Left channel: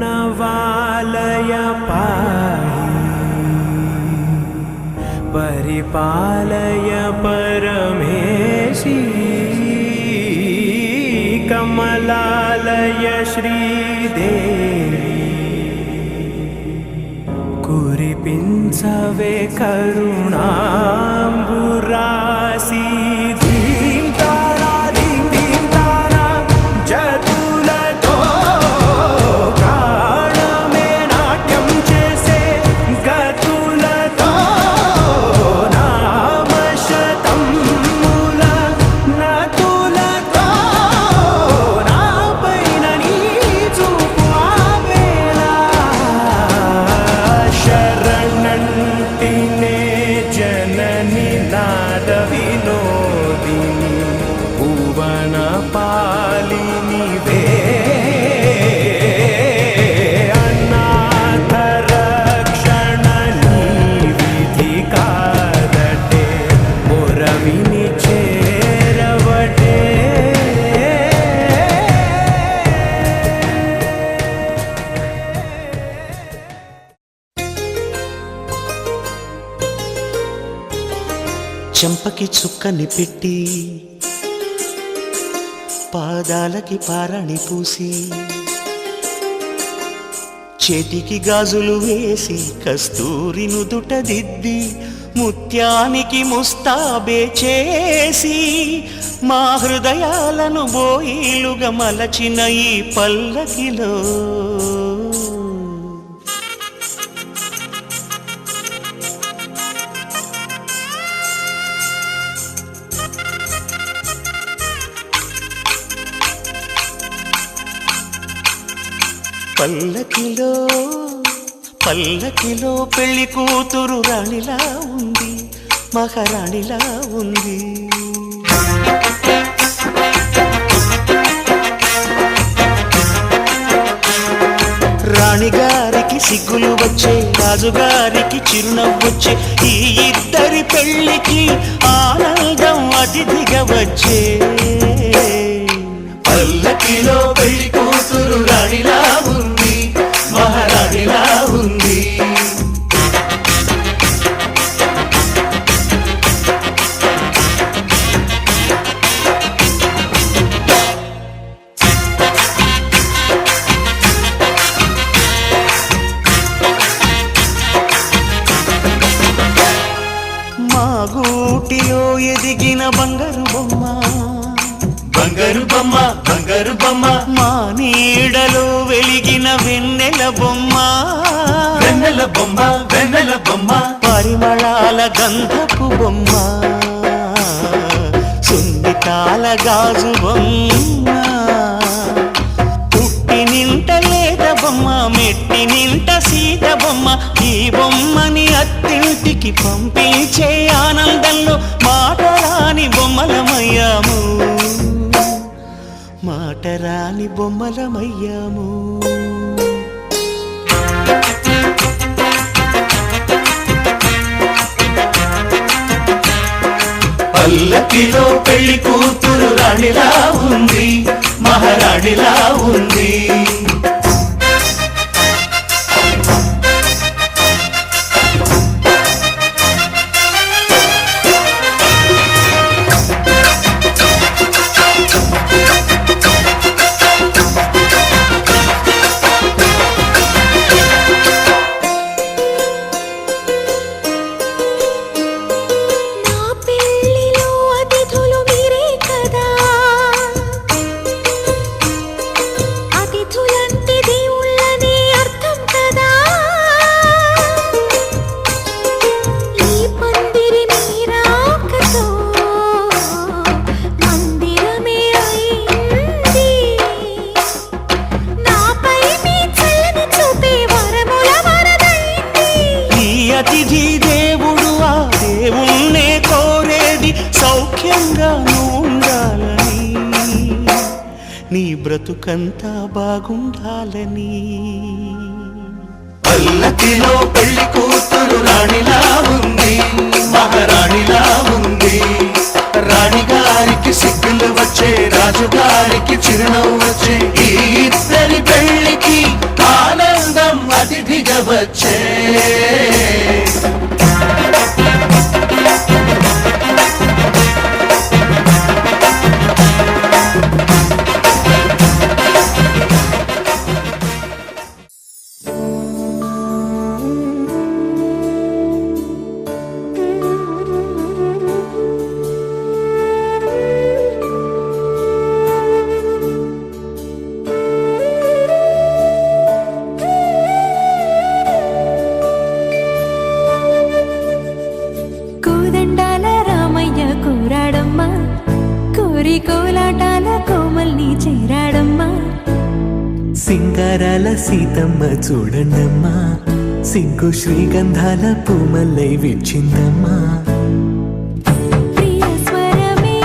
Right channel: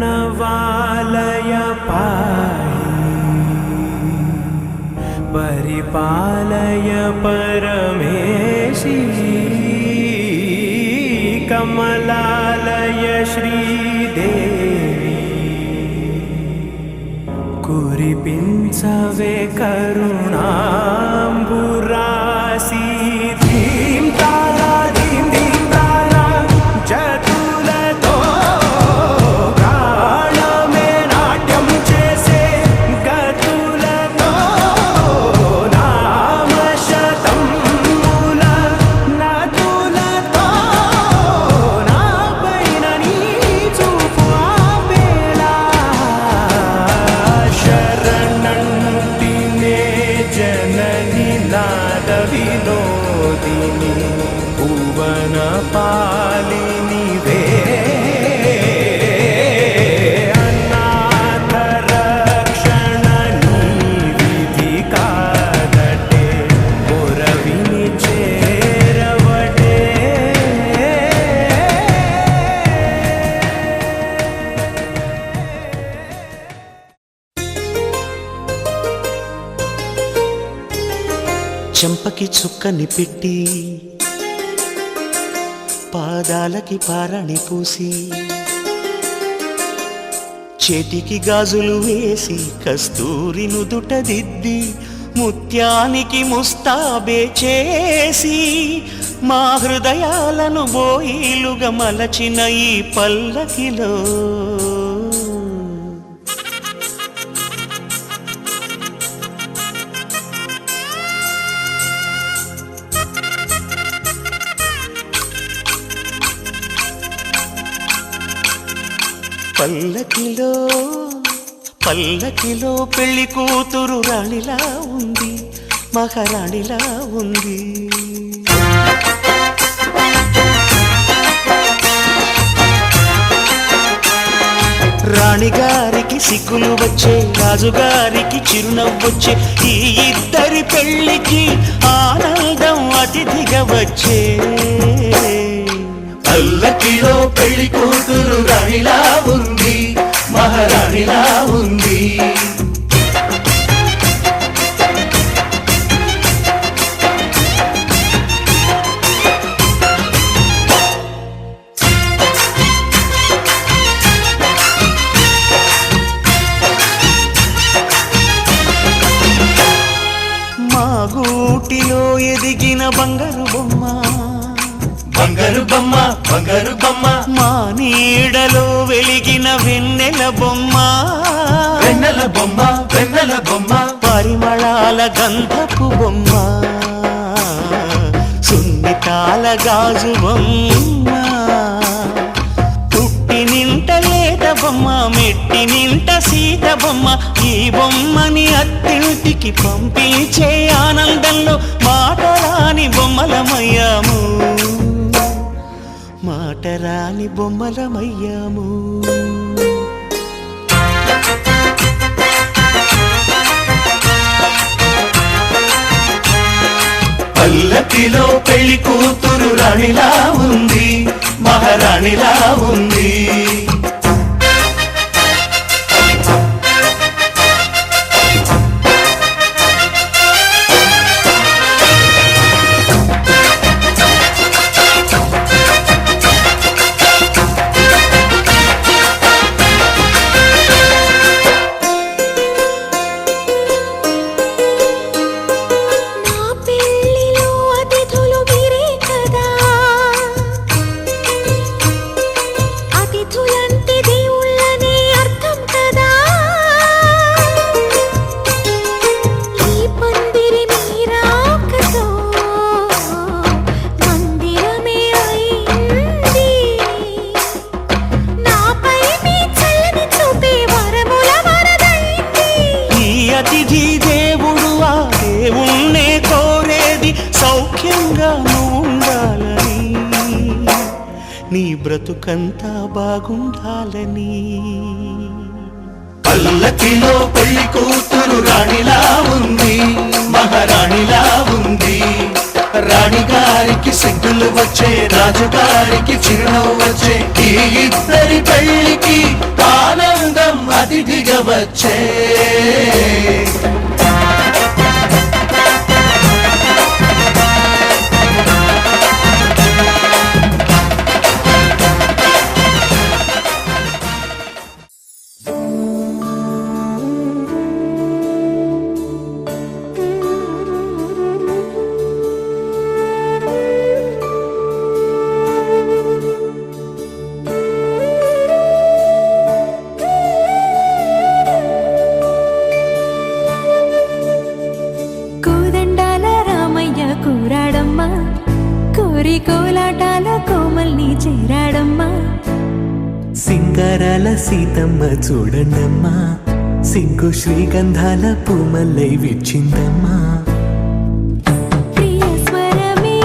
प्रणवालय पाहि परिपालय परमेशी कमलालय श्रीदेवी कुरिपिंचवे करुणांबुरासी धीं तारा धीं धीं तारा जतुलतो गाणमे नाट्यं चेसे गतुलतो नामशतं मूल नतुलतो नापैन नी चूपु आपेला शरणंटिने जननी नाद विनोदिनी भुवन पालिनी वे अनाथ रक्षणनी विधि कादटे मोरविनी चेरवटे చెంపకి చుక్కని పెట్టి పాదాలకి పారాణి పూసి చేతికి గాజులు వేసి కస్తూరి నుదుట దిద్ది ముత్యానికి ముస్తాబే చేసి మా హృదయాలను బోయిలుగా మలచిన ఈ పల్లకిలో పల్లకిలో పల్లకిలో పెళ్లి కూతురు రాణిలా ఉంది మహారాణిలా ఉంది రాణిగారికి సిగ్గులు వచ్చే రాజుగారికి చిరునవ్వొచ్చే ఈ ఇద్దరి పెళ్లికి ఆనందం అతిథిగా వచ్చే పల్లకిలో పెళ్లి కూతురు రాణిలా ఉంది మహారాణిలా ఉంది మా గూటిలో ఎదిగిన బంగారు బొమ్మ బంగారు బొమ్మ బంగారు బొమ్మ మా నీడలో వెలిగిన వెన్నెల బొమ్మ వెన్నెల బొమ్మ వెన్నెల బొమ్మ పరిమళాల గంధపు బొమ్మ సున్నితాల గాజు బొమ్మ పుట్టి నింట లేత బొమ్మ మెట్టి నింట సీత బొమ్మ ఈ బొమ్మని అత్తింటికి పంపించే ఆనందంలో మాటరాని బొమ్మలమయ్యాము మాటరాని బొమ్మలమయ్యాము పల్లకిలో పెళ్లి కూతురు రాణిలా ఉంది మహారాణిలా ఉంది అతిథి దేవుడు ఆ దేవుణ్ణే కోరేది సౌఖ్యంగా నువ్వు ఉండాలని నీ బ్రతుకంతా బాగుండాలని పల్లకిలో పెళ్లి కూతురు రాణిలా ఉంది మహారాణిలా ఉంది రాణిగారికి సిగ్గులు వచ్చే, రాజుగారికి చిరునవ్వు వచ్చే, ఈ ఇద్దరి పెళ్లికి ఆనందం అతిథిగా వచ్చే. కూరాడమ్మా కోరి కోలాటాల కోమల్ని చేరాడమ్మా. సింగారాల సీతమ్మ చూడండమ్మా, సింగు శ్రీగంధాల పూమల్లై విచ్చిందమ్మా. ప్రియ స్వరమే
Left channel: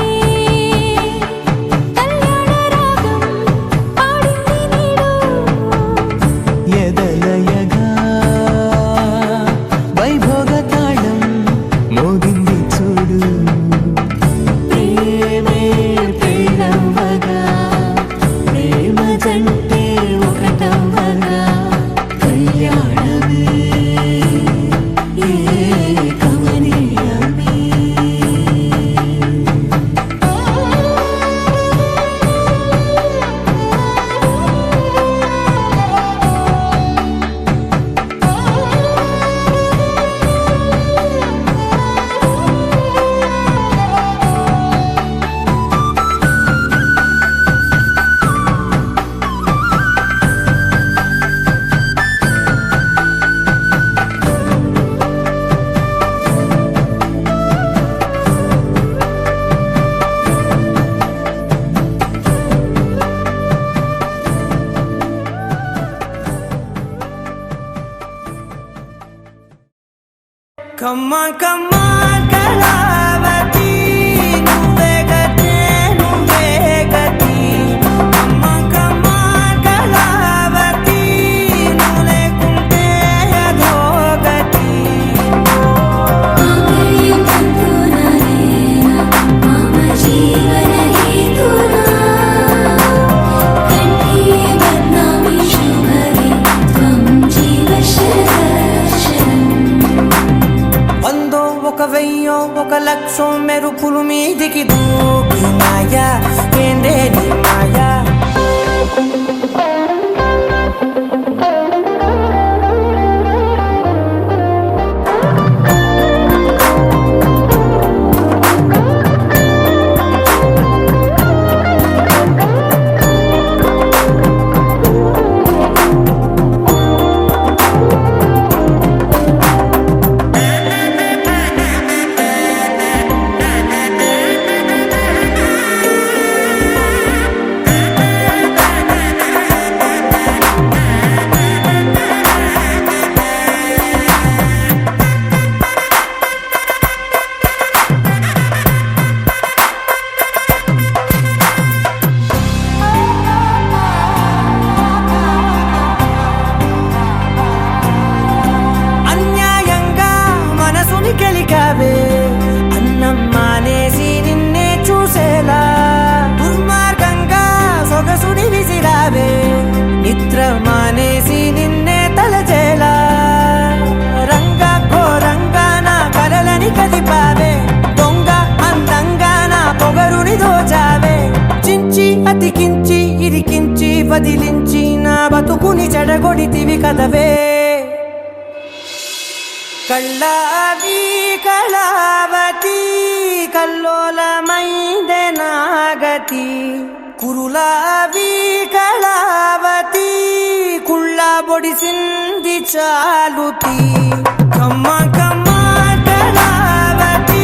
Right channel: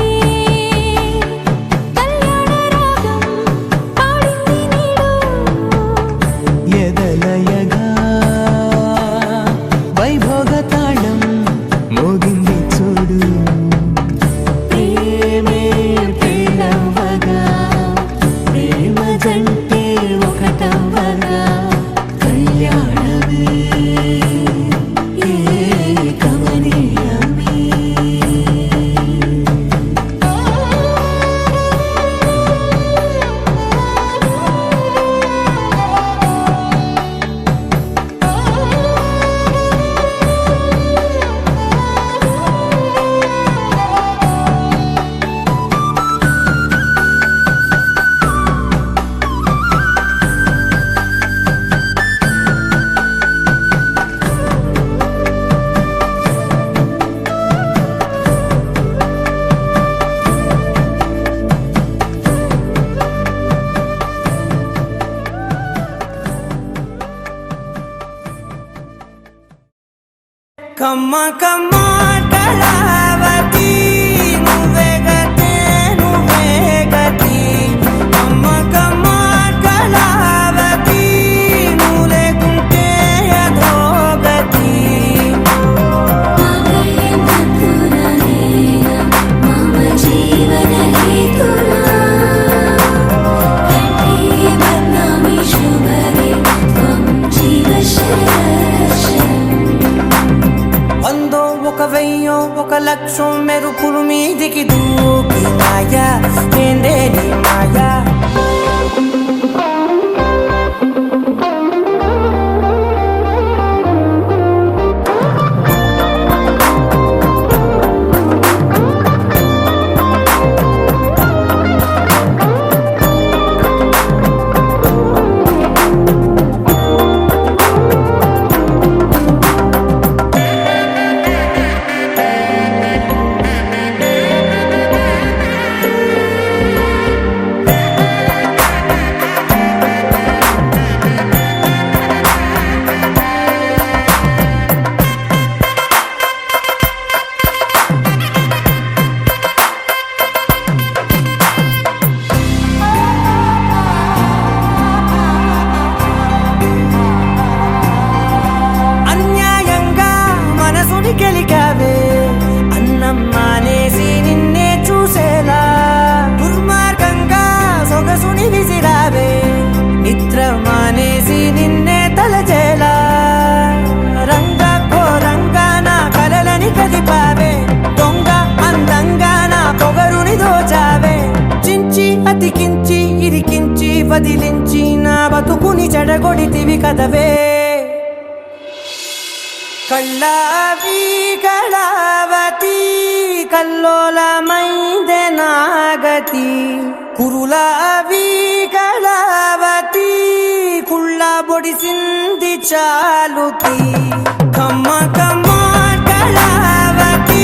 కళ్యాణ రాగం పాడింది నేడు, ఎదలయగా వైభోగ తాళం మోగింది చూడు. ప్రేమే పెళ్ళవ్వగా ప్రేమ జంటే ఒకటవ్వగా కళ్యాణమే కమనీయమే. కమ్మ కమ్మ కళావతి నువ్వే గతే నువ్వే గతి. కమ్మ కమ్మ కళావతి నువ్వు లేకుంటే అధోగతి. వందో ఒక వెయ్యో ఒక లక్షం మెరుపులు మీదికి దూకినాయా ఏందే నీ మాయా. గెలికావే అన్నం మానేసి నిన్నే చూసేలా, దుర్మార్గంగా సొగసుని విసిరావే నిద్ర మానేసి నిన్నే తలచేలా. రంగా ఘోరంగా నా కలలని కదిపావే, దొంగ అందంగా నా పొగరుని దోచావే. చించి అతికించి ఇరికించి వదిలించి నా బతుకుని చెడగొడితివి కదవే. కళ్ళావి కళావతి కల్లోలమైందే నాగతి. కురులావి కళావతి కుళ్ళ బొడిసింది చాలుతి. కమ్మ కమ్మ కళావతి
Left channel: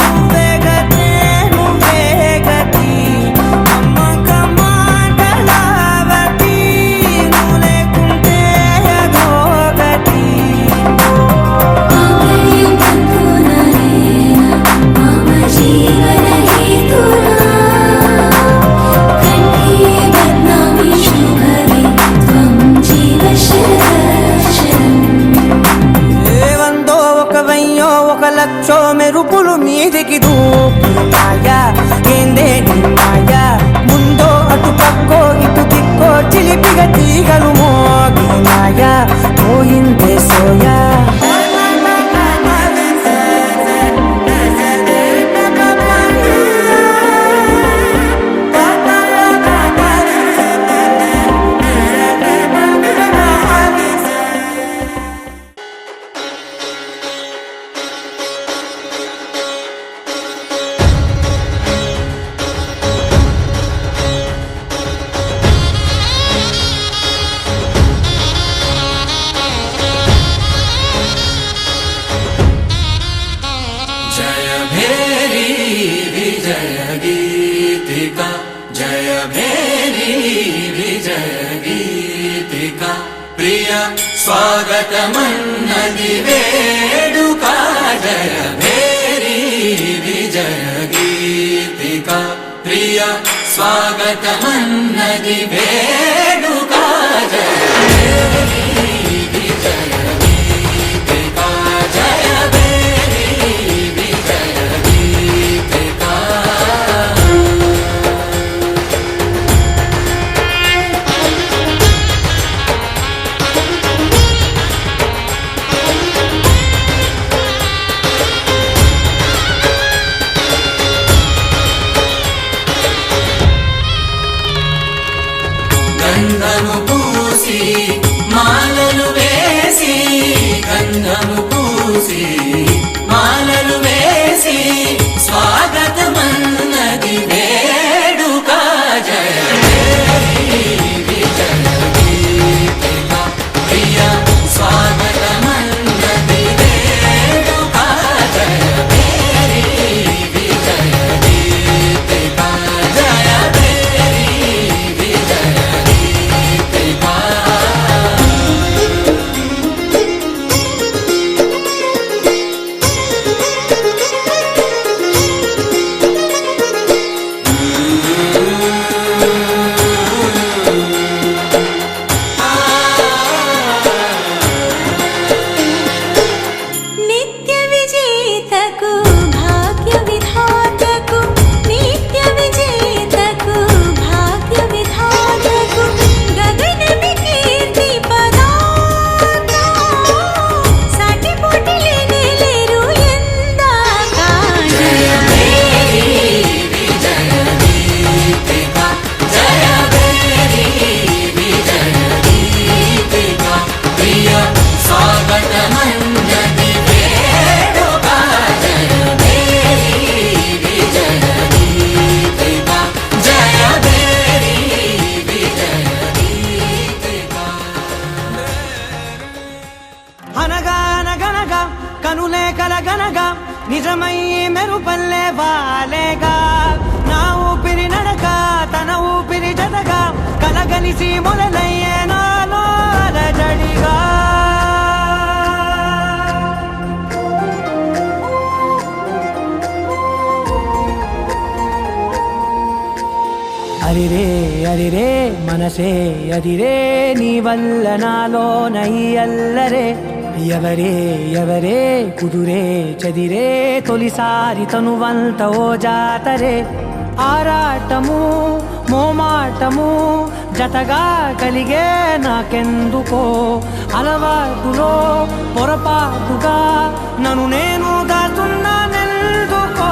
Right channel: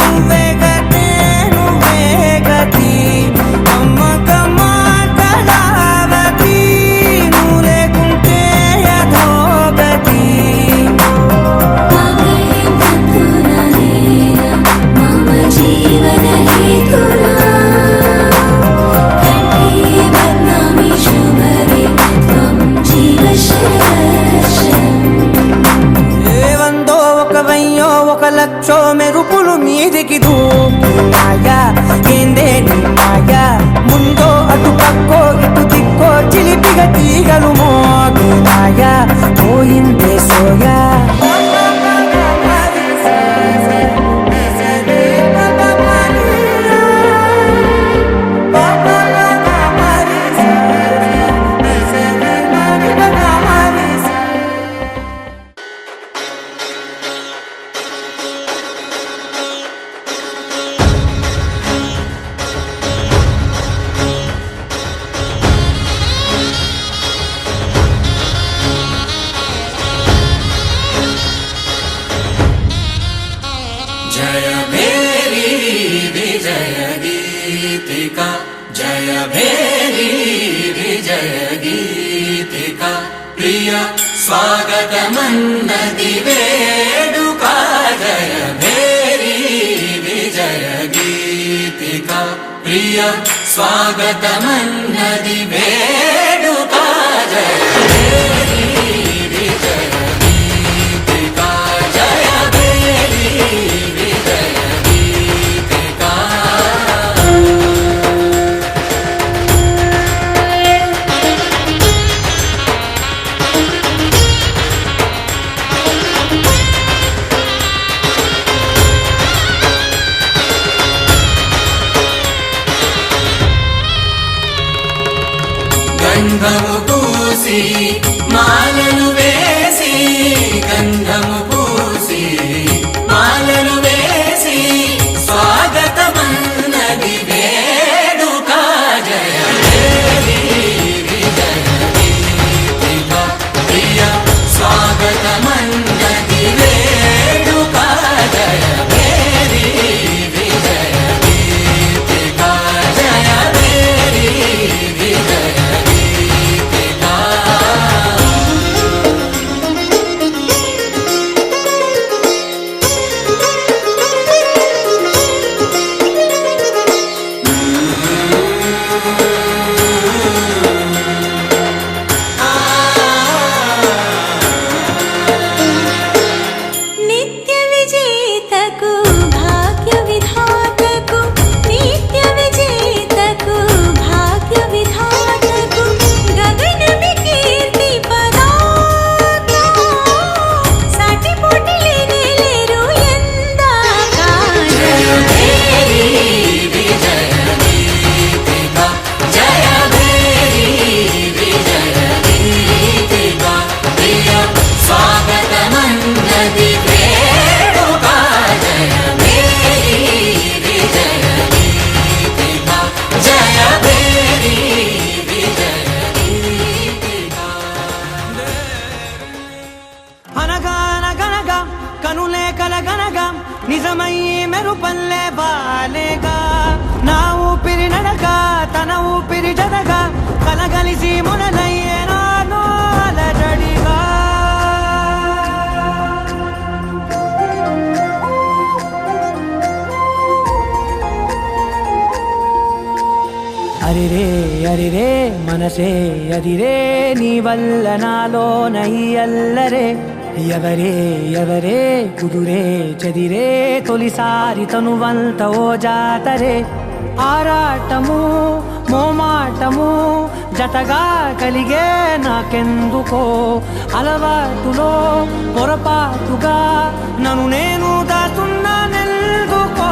నువ్వే గతే నువ్వే గతి. కమ్మ కమ్మ కళావతి నువ్వు లేకుంటే అధోగతి. వందో ఒక వెయ్యో ఒక లక్షో మెరుపులు మీదికి దూకినా నీ మాయా ముందో అటు పక్కో ఇటు దిక్కో చిలిపిగా తీగలు మోగినాయా పోయిందే సోయా స్వాగతమన్నది వేడుక జయ మేరీ విజయ గీతిక ప్రియ స్వాగతమన్నది వేడుక జయ మేరీ విజయ గీతిక జయ మేరీ విజయ గీతిక గంధము పూసి మాలలు వేసి గంధము పూసి మాలలు వేసి స్వాగతమన్నది వేడుక జయ మేరీ విజయ గీతిక ప్రియ స్వాగతమన్నది వేడుక జయ మేరీ విజయ గీతిక జయ మేరీ విజయ నిత్య విజేతకు భాగ్య విధాతకు నిత్య విజేతకు భాగ్య విధాతకు గగనమి కీర్తి పదాత సాటి పోటీ లేరు ఎందాక జయ మేరీ విజయ గీతిక జయ మేరీ విజయ గీతిక ప్రియ స్వాగతమన్నది వేడుక జయ మేరీ విజయ గీతిక జయ మేరీ విజయ గీతిక అనగా అనగనగా కనులే కలగనగా నిజమై మెరుపల్లే బాలేగా నా ఊపిరి నడగా తన ఊపిరి జడగా కలగలిసి మొదలయ్యే నాలో అలజడిగా అరిరే అరిరే మనసే అరిరే నీ వల్ల నాలో నయ్యల్లరే ఎవరే ఎవరే కుదురే చదిరే తొలిసారి తనువంత ఓ జాతరే ఆరాటము మోమాటము జతగా కలిగే నాకెందుకో అలవాటులో పొరపాటుగా నన్ను నేను దాచున్నానెందుకో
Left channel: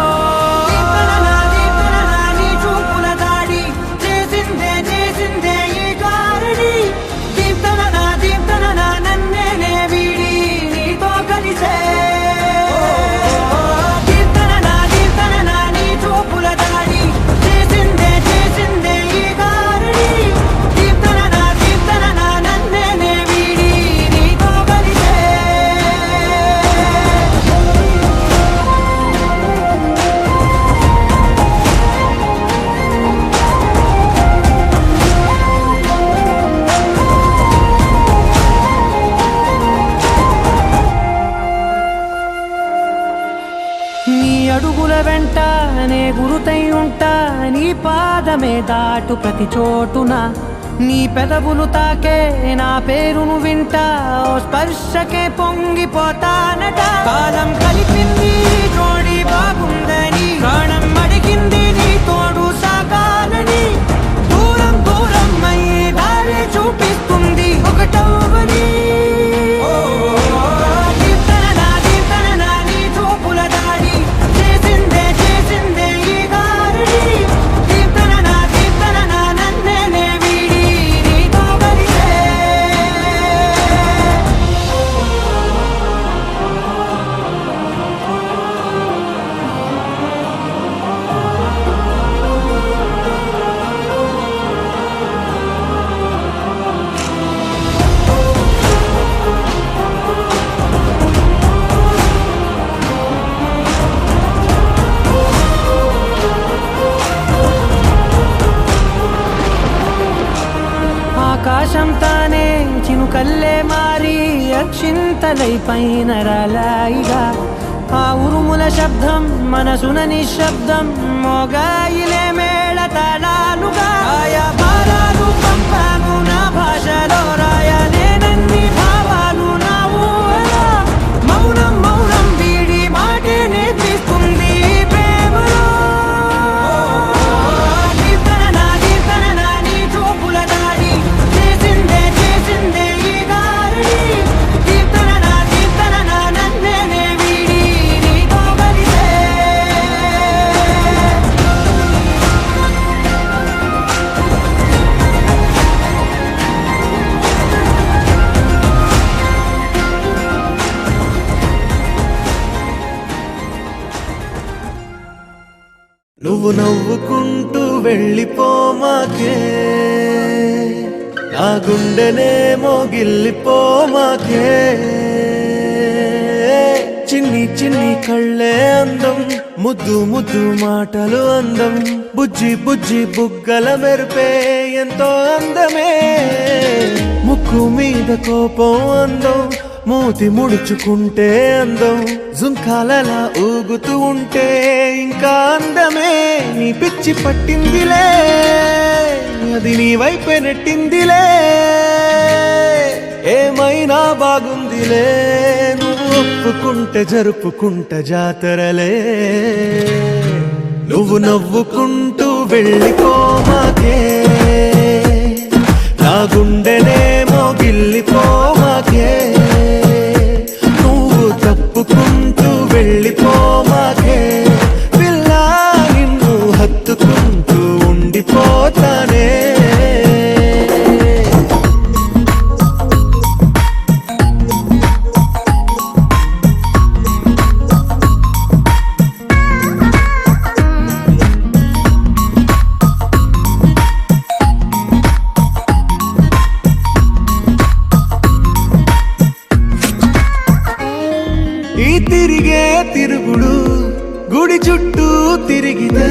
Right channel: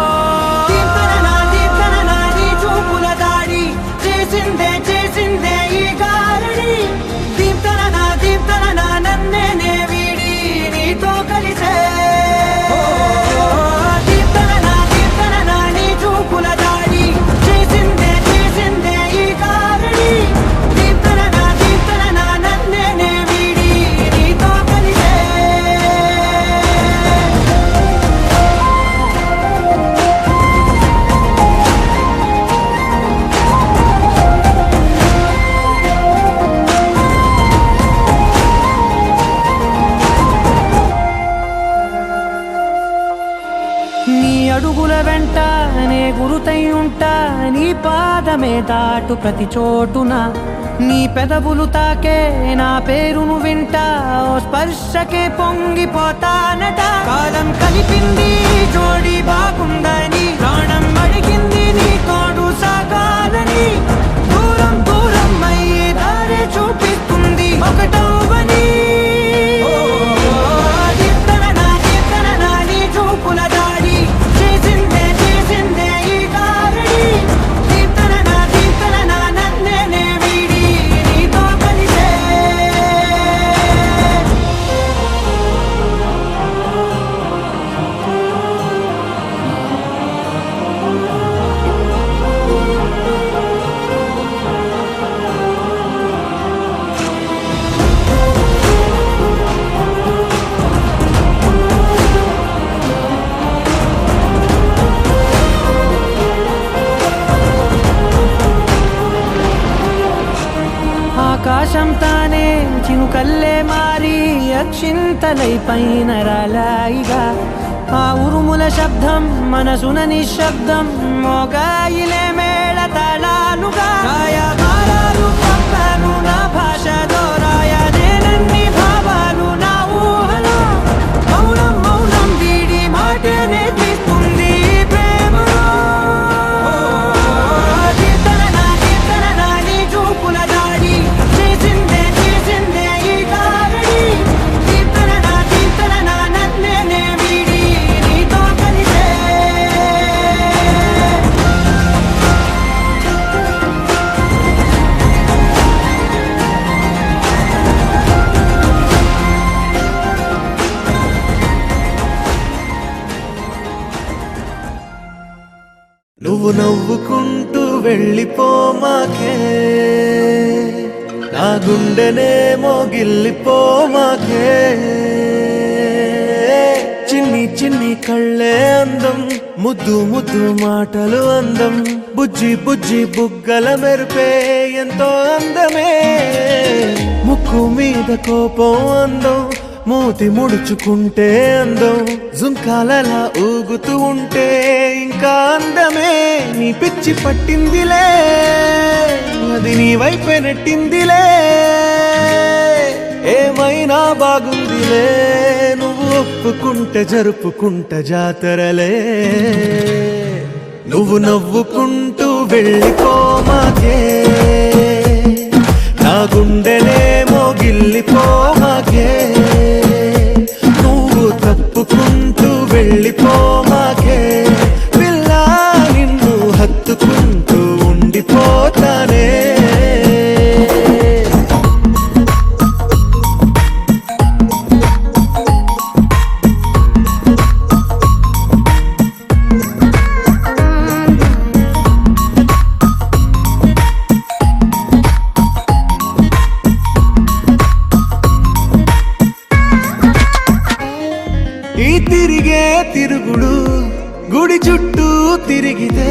అడుగుల వెంట నే గురుతై ఉంటా నీ పాదమే దాటు ప్రతి చోటున నీ పెదవులు తాకే నా పేరును వింటా ఓ స్పర్శకే పొంగిపోతానట కాలం కలిపింది జోడి బాగుందని ప్రాణం అడిగింది నీ తోడు ఆకాశం తానే చినుకల్లే మారి అక్షింతలై పైన రాలాయిగా ఆ ఉరుముల శబ్దం మనసున నిశ్శబ్దం మోగాయిలే మేళ తాళాలుగా మాయాలు పంపాను నా భాషలో రాయలేనన్ని భావాలు నా ఊహలో మౌనం మౌనం వీడి మాటే నేర్పిస్తుంది ఈ ప్రేమలో దీప్తన నీ చూపుల దాడి చేసిందే ఈ గారడి దీప్తన నన్నే వీడి నీతో కలిసే నువ్వు నవ్వుకుంటూ వెళ్ళిపోమాకే నా గుండెనేమో గిల్లిపోమాకే చిన్ని చిన్ని కళ్ళే అందం ముద్దు ముద్దు మాటలు అందం బుజ్జి బుజ్జి బుగ్గల మెరుపే ఎంతో అందమే ముక్కు మీద కోపం అందం మూతి ముడుచుకుంటే అందం జుంకాలలా ఊగుతూ ఉంటే ఇంకా అందమే నీ పిచ్చి పట్టిందిలే అది నీ వైపే నెట్టిందిలే ఏమైనా బాగుందిలే నువ్వు ఒప్పుకుంటే జరుపుకుంట జాతరలే నువ్వు నవ్వుకుంటూ వెళ్ళిపోమాకే నా గుండెనేమో గిల్లిపోమాకే నువ్వు తప్పుకుంటూ వెళ్ళిపోమాకే పిల్ల నిన్ను హత్తుకుంటూ ఉండిపోతానే ఈ తిరిగే తిరుగుడు గుడి చుట్టూ తిరిగితే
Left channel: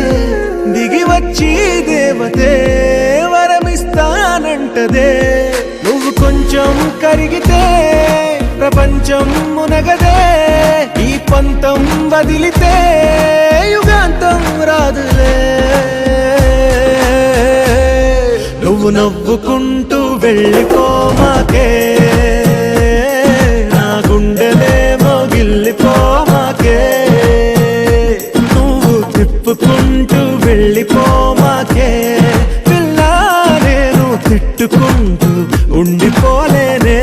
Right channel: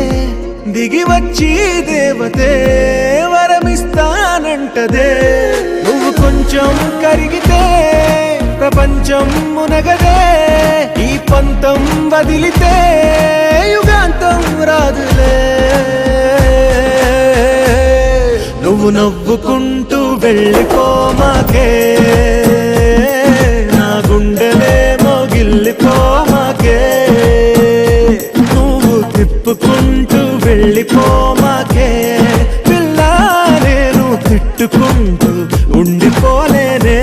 దిగి వచ్చి దేవతే వరమిస్తానంటదే నువ్వు కొంచెం కరిగితే ప్రపంచం మునగదే ఈ పంతం వదిలితే యుగాంతం రాదులే నువ్వు నవ్వుకుంటూ వెళ్ళిపోమాకే నా గుండెనేమో గిల్లిపోమాకే నువ్వు తిప్పుకుంటూ వెళ్ళిపోమాకే పిల్ల నేను తిట్టుకుంటూ ఉండిపోలేనే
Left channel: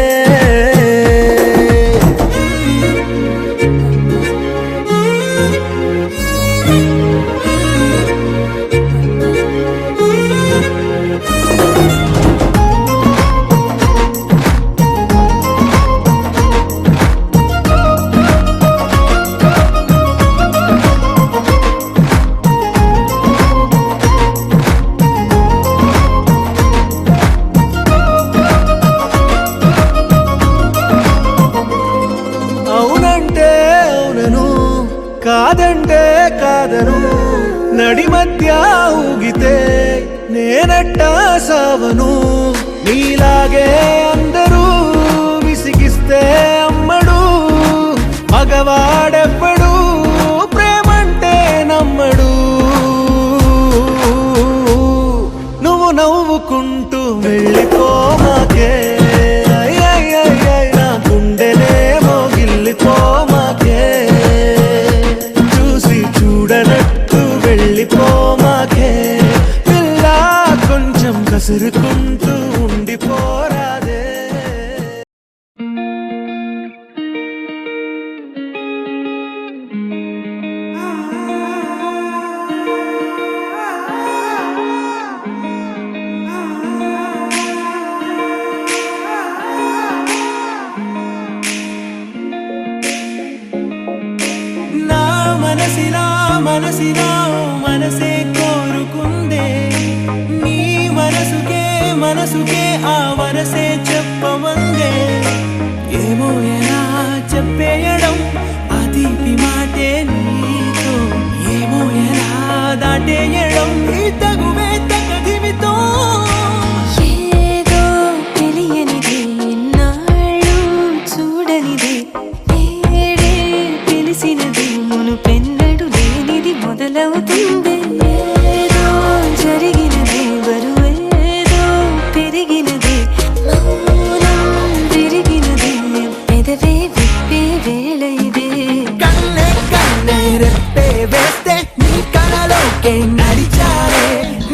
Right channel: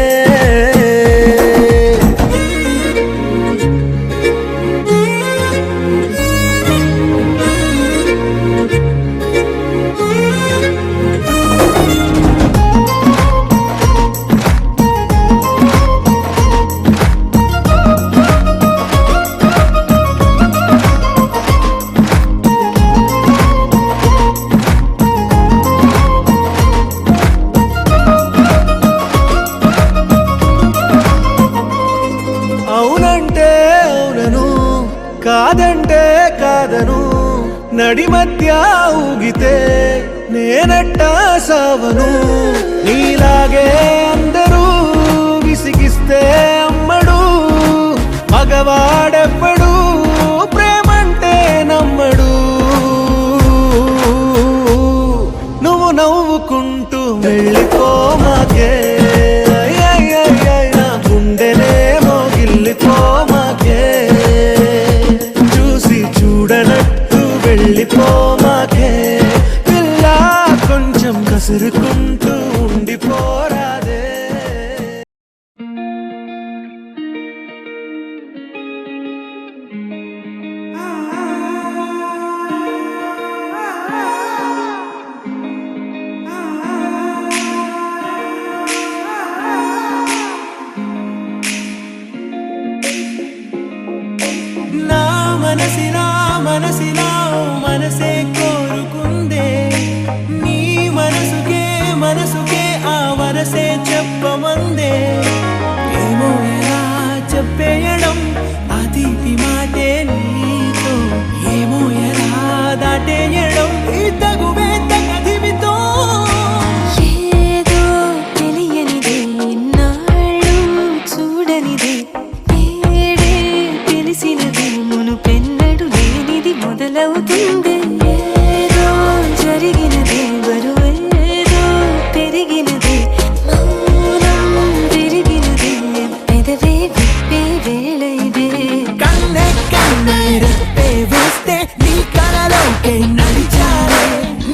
అవునంటే అవునను కాదంటే కాదను నడి మధ్య ఊగితే నేనట్టా సావను నీలాగే అందరూ విసిగిస్తే అమ్మడు మగవాడెవ్వడు ప్రేమంటే నమ్మడు నువ్వు నవ్వుకుంటూ వెళ్ళిపోమాకే నా గుండెనేమో గిల్లిపోమాకే చూసి చూడనట్టు వెళ్ళిపోమాకే పిల్ల కొంచెం కసురుకుంటూ ఉండిపోరాదే నా మనసిలా మనసిలా మనసే కోరుకుందే నీ మనసుకే ఆ వరసే చెప్పమందే ఏమో ఎలా చెప్పేయడం ఆ తీపి మాటే నీతో ఏమో ఎలా దాటేయడం ఈ తగువే తగదిమితో ఏదో చల్లనిదే నేడే తెలిసినదే మునుపెన్నడు లేనిది మొదలవుతుంది ఏదో జరిగినదే బరువేదో పెరిగినదే మౌనం విరిగినదే పెదవే విప్పే వేళ ఇదే కన్నే కన్నే రెప్పే వేస్తే నీ కళలోకే నడిచారే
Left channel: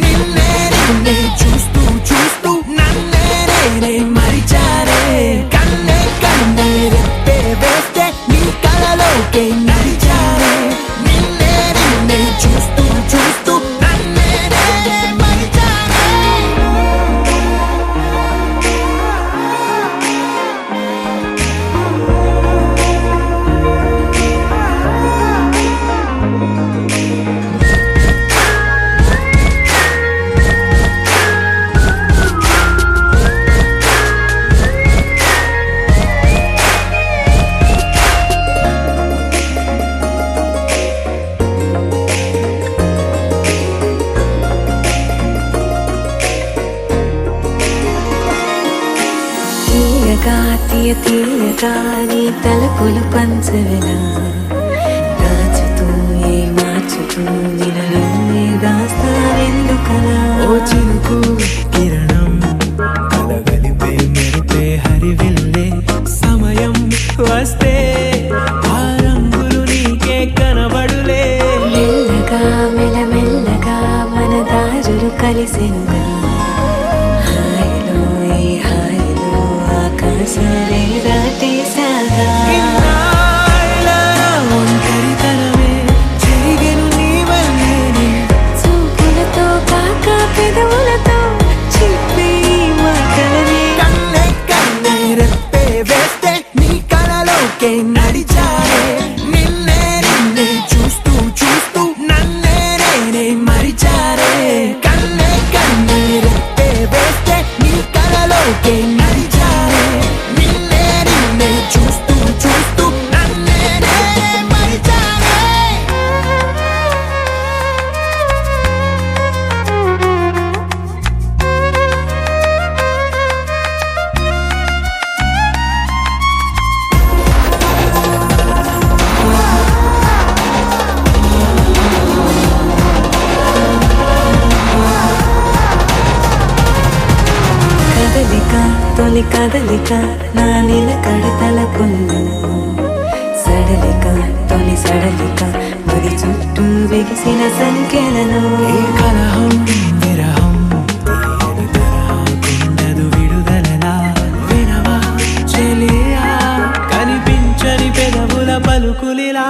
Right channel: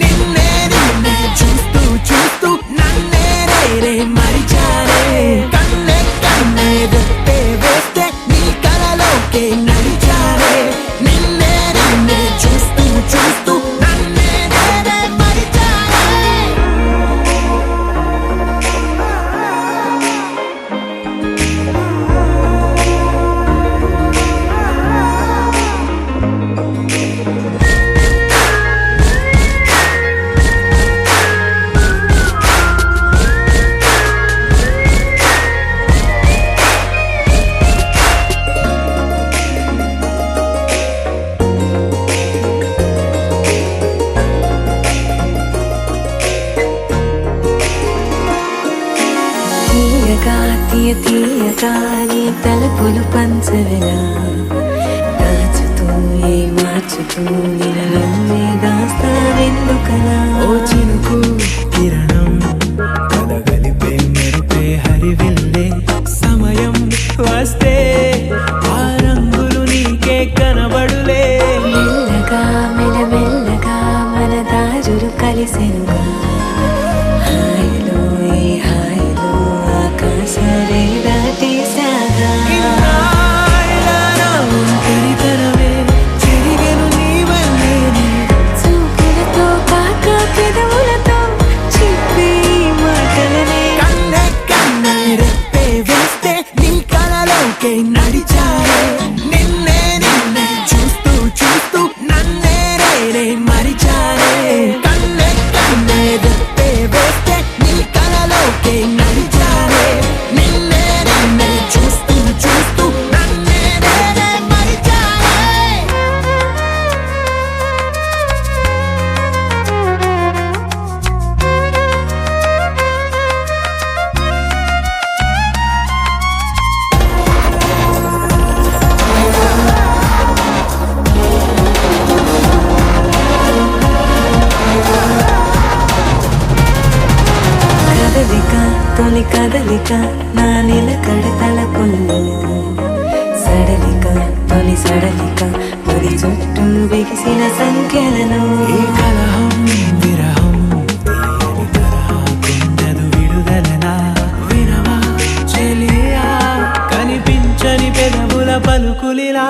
నిన్నే నిన్నే చూస్తూ చూస్తూ నన్నే నేనే మరిచారే కన్నే కన్నే రెప్పే వేస్తే నీ కళలోకే నడిచారే నిన్నే నిన్నే చూస్తూ చూస్తూ నన్నే నేనే మరిచారే తీయగా తీయగా నీ తలపులు పంచవెలా దాచుతూ ఏ మార్చుతూ నిన్ను నువ్వే దాస్తావెందుకలా ఓ చినుకు కిరణం కలగలిపే మెరుపే హరివిల్లే సమయం వస్తే ఆ రంగులు నీకే కనబడులే మెల్లగా మెల్లమెల్లగా మన దారులు కలిసెనుగా హాయిలో ఈ హాయిలో ఆకాశాలే దాటేసాగా ఇన్నాళ్ళ నా ఒంటరితనమే చెరిగెను నీ వల్లేనే చూపులతో కాక పెదవులతో చెప్పే ఈ మాటలనే కన్నే కన్నే రెప్పే వేస్తే నీ కళలోకే నడిచారే నిన్నే నిన్నే చూస్తూ చూస్తూ నన్నే నేనే మరిచారే కన్నే కన్నే రెప్పే వేస్తే నీ కళలోకే నడిచారే నిన్నే నిన్నే చూస్తూ చూస్తూ నన్నే నేనే మరిచారే కదలిక తొలి కదలిక నా నిలకడ తలపుల్లో సడలిక తొలి సడలిక మరి చుట్టూ బిగిసిన సంఖ్యలను ఈ కలహం విరహం తీయని తరహా కుండదు విడుదలనా వినవా చెలియా కనిపించని పెదవుల పలుకులిలా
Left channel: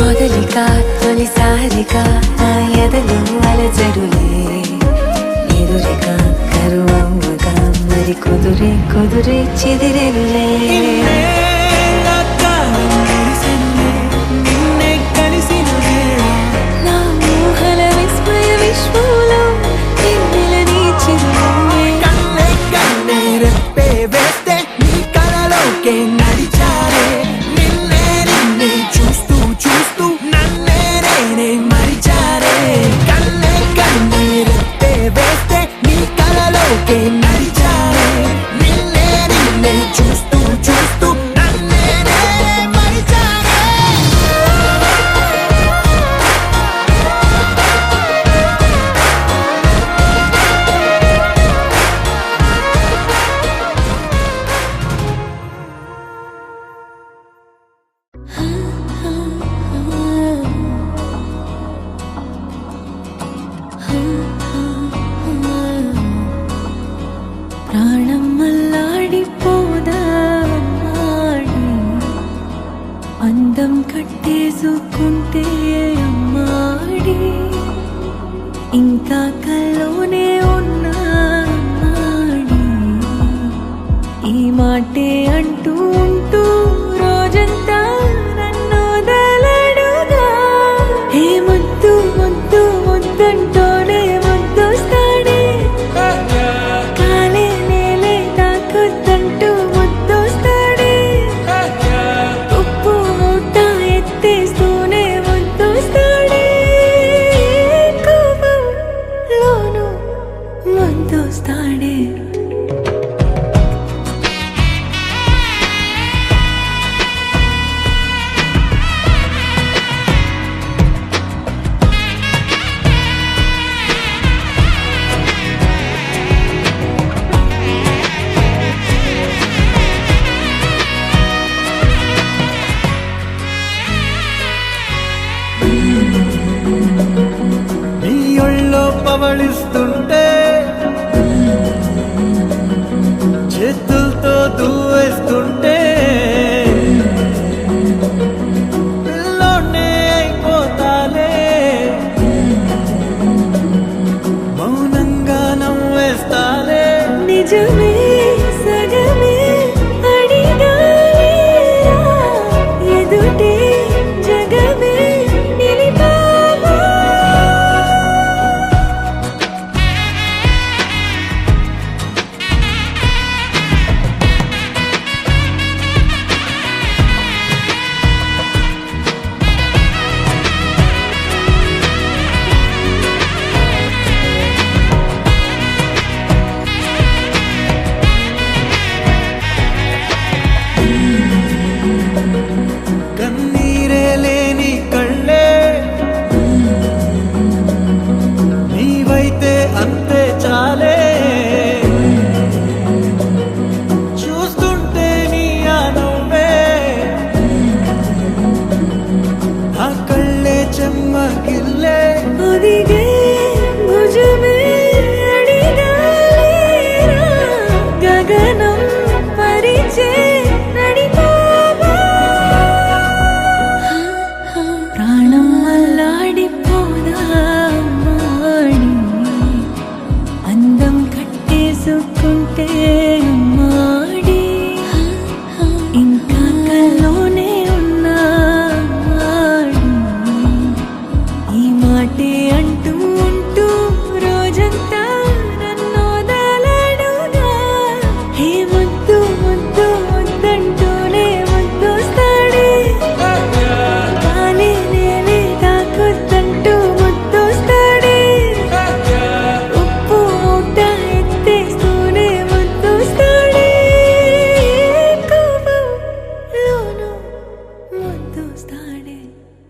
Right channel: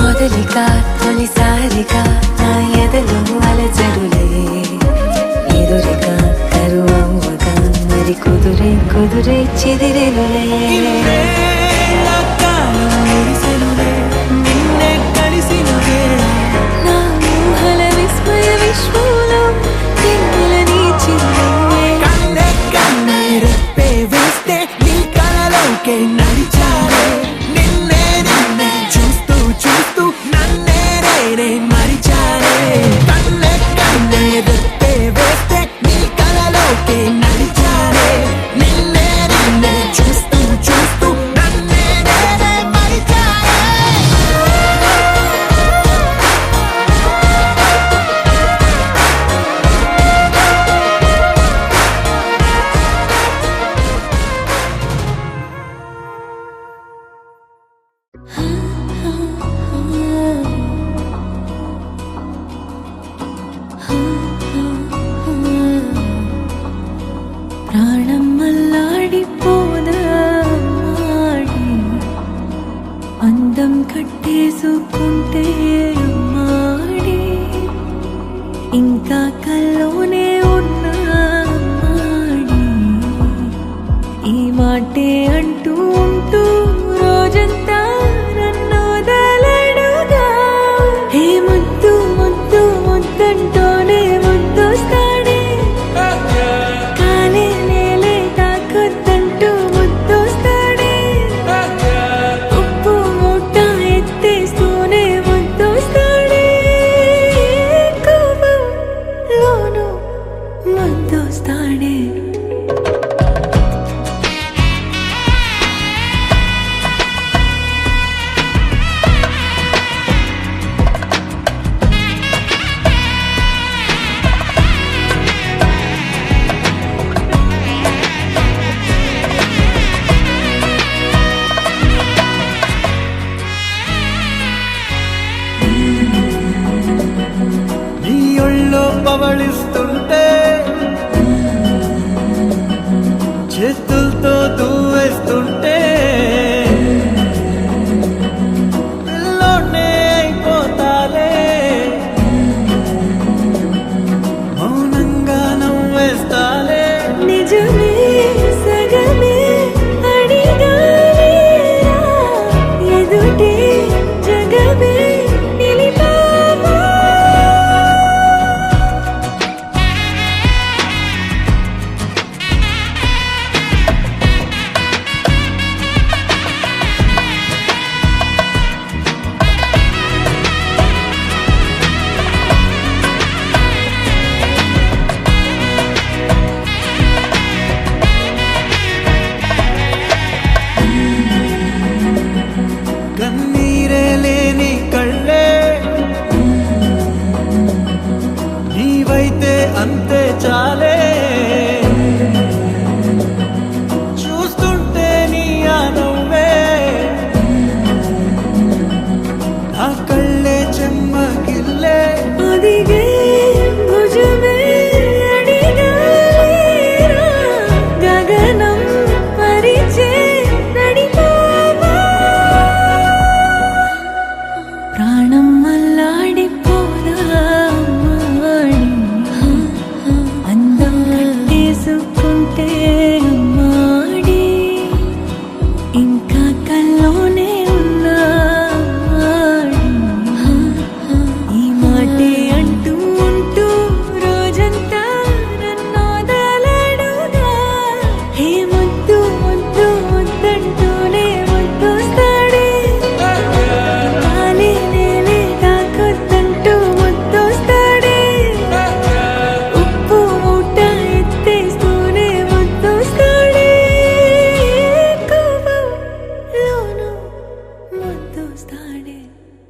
మొదలిక తొలిసారిక నా ఎదలో అలజడులే ఎదురిక కరువవ్వగా మరి కుదురే కుదురే చెదిరెనులే ఇన్నేళ్ల కాలం మురిసెనులే నిన్నే కలిసిన వేళ నా ఊహల విస్మయ విశ్వంలో వెన్నెల నీ చిరునవ్వే కన్నే కన్నే రెప్పే వేస్తే నీ కళలోకే నడిచారే నిన్నే నిన్నే చూస్తూ చూస్తూ నన్నే నేనే మరిచారే కన్నే కన్నే రెప్పే వేస్తే నీ కళలోకే నడిచారే నిన్నే నిన్నే చూస్తూ చూస్తూ నన్నే నేనే మరిచారే ప్రాణం మల్లాడిపోదా మాడి అందం కట్టేసుకుంటే అమ్మాడి ఇంకా కల్లోనే ఉన్నా మాడి ఈ మాటే అంటూ ఉంటూ రోజంతా నన్ను వదలడుగా ఏ ముద్దు ముద్దు ముద్దంటూనే ముద్దొస్తాడే కాలే నేలే తాకొద్దంటూ ముద్దొస్తాడే ఉప్పు మూట ఎత్తేస్తూనే ముద్దొస్తాడే కోపంలోను ముద్దొస్తాడే కౌగలిస్తుంటే చేతులతో దూవేస్తుంటే పిల్లోనే అయిపోతాలే మౌనంగా నవ్వేస్తాలే నిజమే సగమే అడిగాలేరా ఎదుటే జగమే నిలిపావా కన్నీరే లేని కళ్ళే నీవైతే అంతే చాలే చూస్తుంటే నీ ఆ నవ్వే నా కళ్ళే చెమ్మగిల్లే ఒదిగే భుజమే అడిగాలేరా గగనం పరిచే నడిపావా ప్రాణం అల్లాడిపోదా అమ్మాడి అందం కట్టేసుకుంటే అమ్మాడి ఇంకా కల్లోనే ఉన్నా అమ్మాడి ఈ మాటే అంటూ ఉంటూ రోజంతా నన్ను వదలడుగా హే ముద్దు ముద్దు ముద్దంటూనే ముద్దొస్తాడే కాలే నేలే తాకొద్దంటూ ముద్దొస్తాడే ఉప్పు మూట ఎత్తేస్తూనే ముద్దొస్తాడే కోపంలోనూ ముద్దొస్తాడే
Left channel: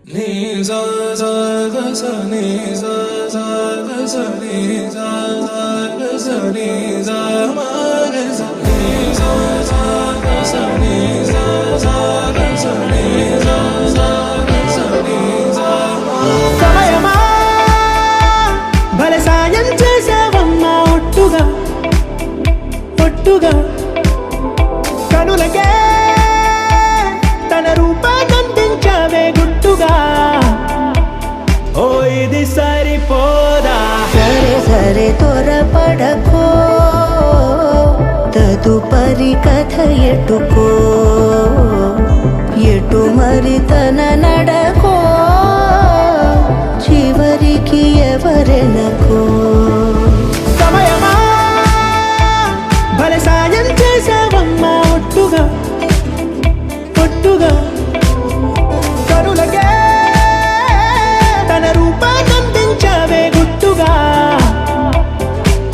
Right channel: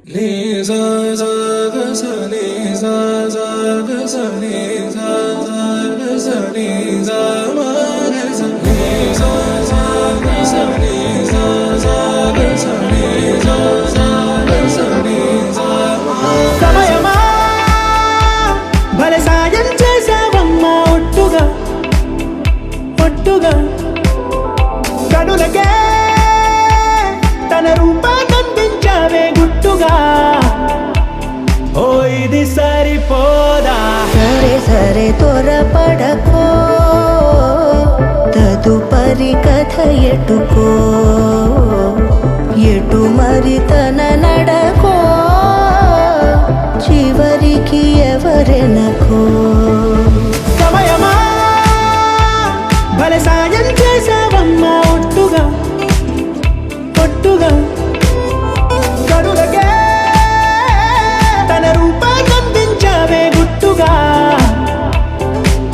నీ సా సా గ స నీ సా సా గ స నీ సా సా గ స నీ సా మా గ స నీ సా సా గ స నీ సా సా గ స నీ సా సా గ స నీ సా మా సమయమా భలే సాయం చేసావమ్మా ఒట్టుగా ఒట్టుగా కనులకే తన రూపాన్నందించావే గుట్టుగా ఓ ఇది సరిపోదా సరే సరే త్వరపడకో తదుపరి కథ ఎటుకో ఎటు మరి తన నడకో చివరికి ఎవరెనకో సమయమా భలే సాయం చేసావమ్మా ఒట్టుగా ఒట్టుగా కనులకే తన రూపాన్నందించావే గుట్టుగా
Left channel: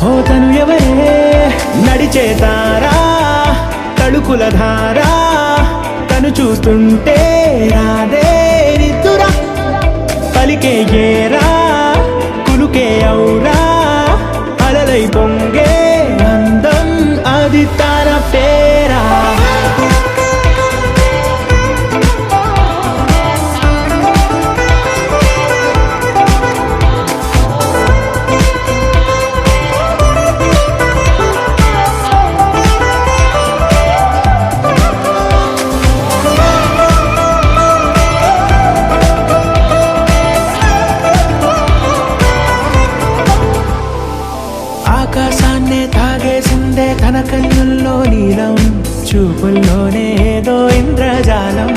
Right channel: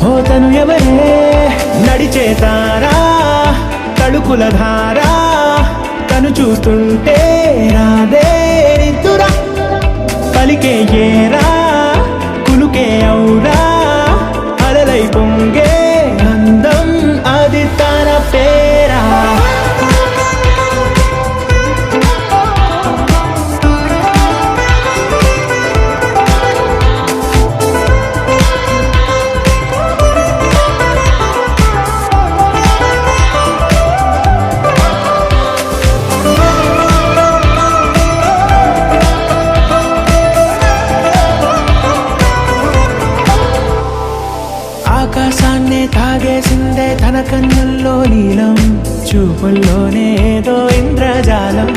ఓ తను ఎవరే నడిచే తారా తడుకుల ధారా తను చూస్తుంటే రాదే నిద్దురా పలికే ఏరా కులుకే ఔరా అలలై పొంగే అందం అది తన పేరా ఆకాశాన్నే తాగేసిందే తన కన్నుల్లో నీలం చూపుల్లోనే ఏదో ఇంద్రజాలం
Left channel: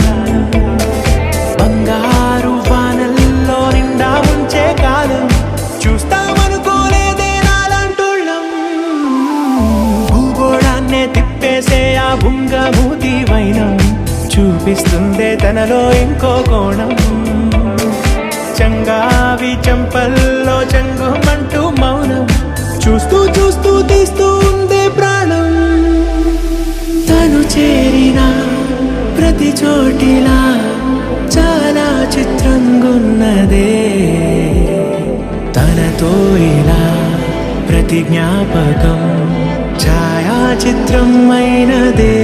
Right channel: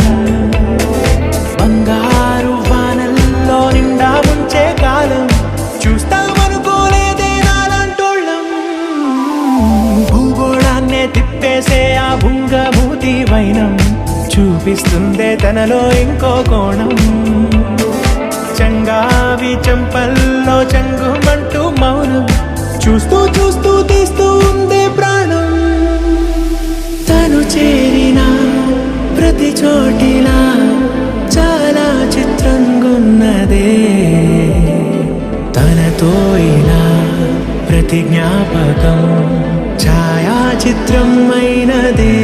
బంగారు వానల్లో నిండా ముంచే కాలం చూస్తామనుకోలేదే నాలాంటోళ్ళం భూగోళాన్నే తిప్పేసే ఆ బుంగమూతి వైనం చూపిస్తుందే తనలో ఇంకో కోణం చంగావి చెంపల్లో చెంగుమంటూ మౌనం చూస్తూ చూస్తూ తీస్తూ ఉందే ప్రాణం తను చేరిన ప్రతి చోటిలా చాలా చిత్రంగున్నదే తనతో ఇలా ప్రతి జ్ఞాపకం ఛాయాచిత్రం అయినదే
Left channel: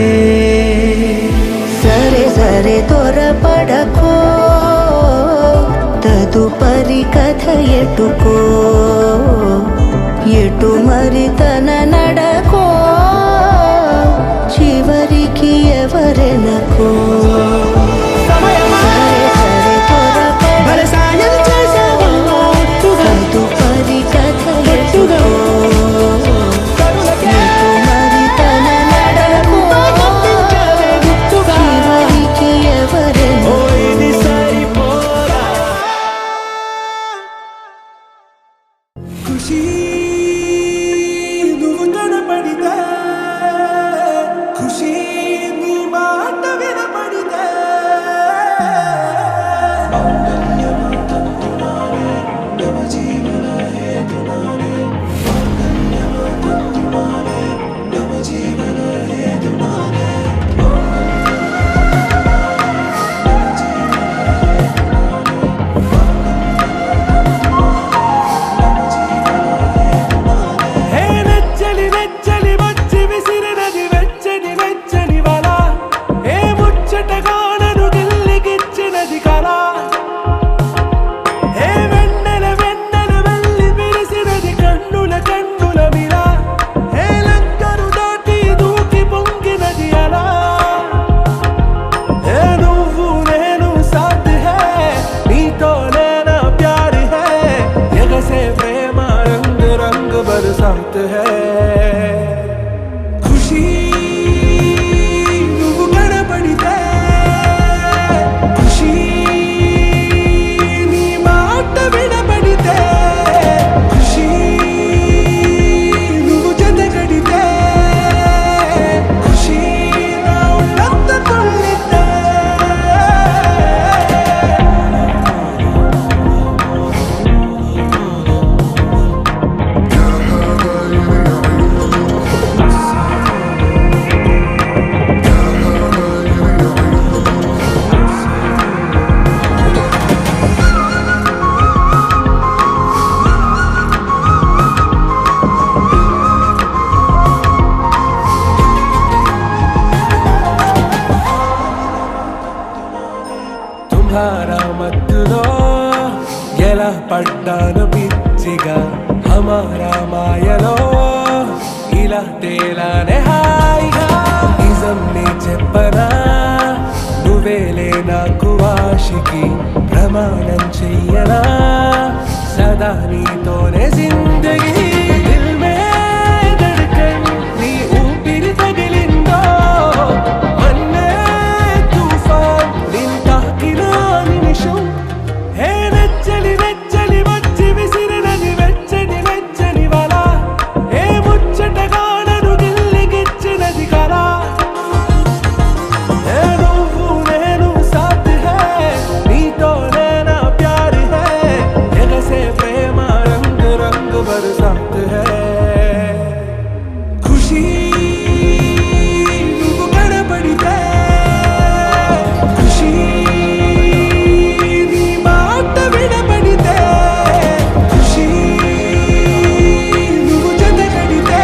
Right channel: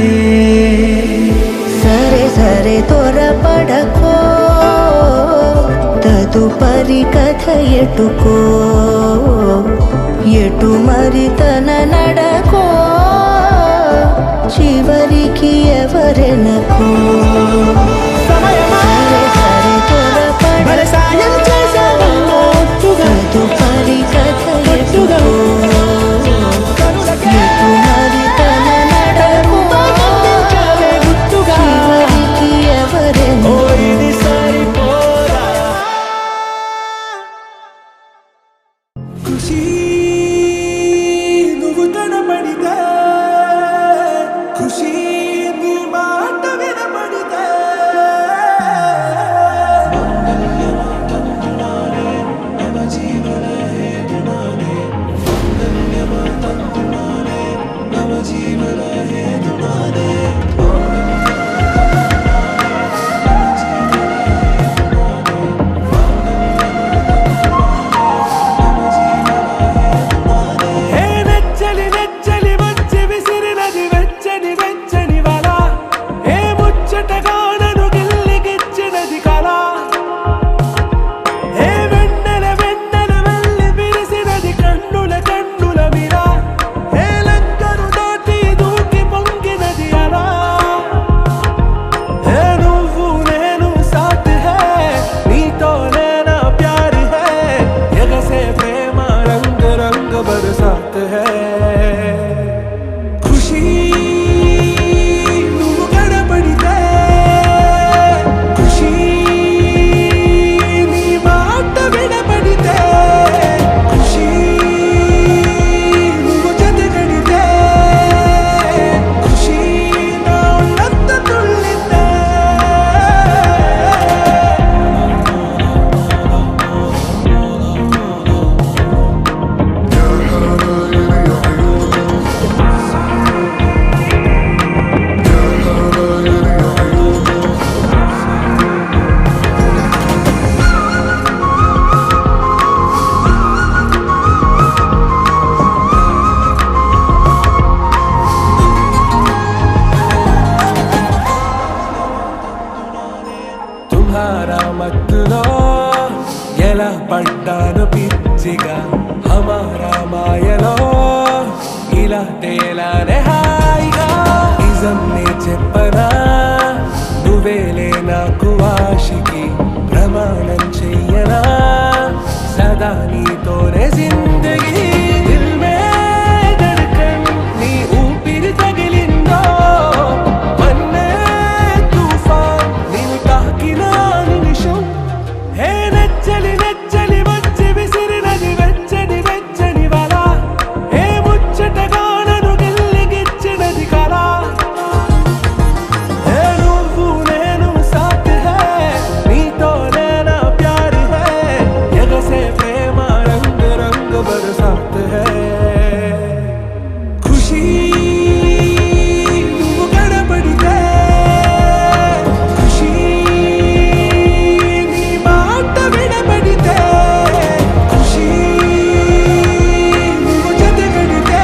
సరే సరే త్వరపడకో తదుపరి మరి కథ ఎటుకో ఎటు మరి తన నడకో చివరికి ఎవరెనకో సమయమా సరే సరే త్వరపడ మరి సాయం చేసావమ్మా ఒట్టుగా తదుపరి కథ ఒట్టుగా ఎటుకో కరులకే ఎటు మరి తన నడకో పంపించావే గుట్టుగా చివరికి ఓ ఎవరెనకో ఇది సరిపోదా ఖుషి నువ్వు కనపడితే ఖుషి నీ మాట వినపడితే హే నెచ్చలి నెచ్చలి వచ్చి విసిరినది వెచ్చని వెచ్చని వల ఏ ముచ్చటగా నన్ను గిల్లిగిచ్చినది కళ ఏ వెన్నెల వెన్నెల వెళ్ళి విరిసినది కన్నుల కన్నుల మిల ఏ లంకను దాటి దూకి పొంగినది అలా ఏ నువ్వు నేను సాథ్ హే నీతోనే నా ప్యార్ హే ఎగసే ప్రేమ రంగ్ రంగ్ బరసాత్ హే ఖుషి నువ్వు కనపడితే ఖుషి నీ మాట వినపడితే ఖుషి నువ్వు జతగడితే ఖుషి నా ఒళ్ళంత తుళ్ళితే يا حبايب يا عيوني يا حبايب يا عيوني తుమ్హారా మత్తులో ఎలా పడ్డాను పిచ్చిగా హమారా మాయలో ఇలా తేలానే హాయిగా నిజం నే చెప్పనా నువ్వేలే నాకు ఆశికి ప్రమాణం చెయ్యనా సదా నీతోనే జిందగీ దిల్ మే ధడ్కన్ నీ ఊపిరి తగిలిందో మన్నే తుఫాన్ నిన్ను తాకిన నిమిషం హే నెచ్చలి నెచ్చలి వచ్చి విసిరినది వెచ్చని వెచ్చని వల ఏ ముచ్చటగా నన్ను గిల్లిగిచ్చినది కళ ఏ నువ్వు నేను సాథ్ హే నీతోనే నా ప్యార్ హే ఎగసే ప్రేమ రంగ్ రంగ్ బరసాత్ హే ఖుషి నువ్వు కనపడితే ఖుషి నీ మాట వినపడితే ఖుషి నువ్వు జతగడితే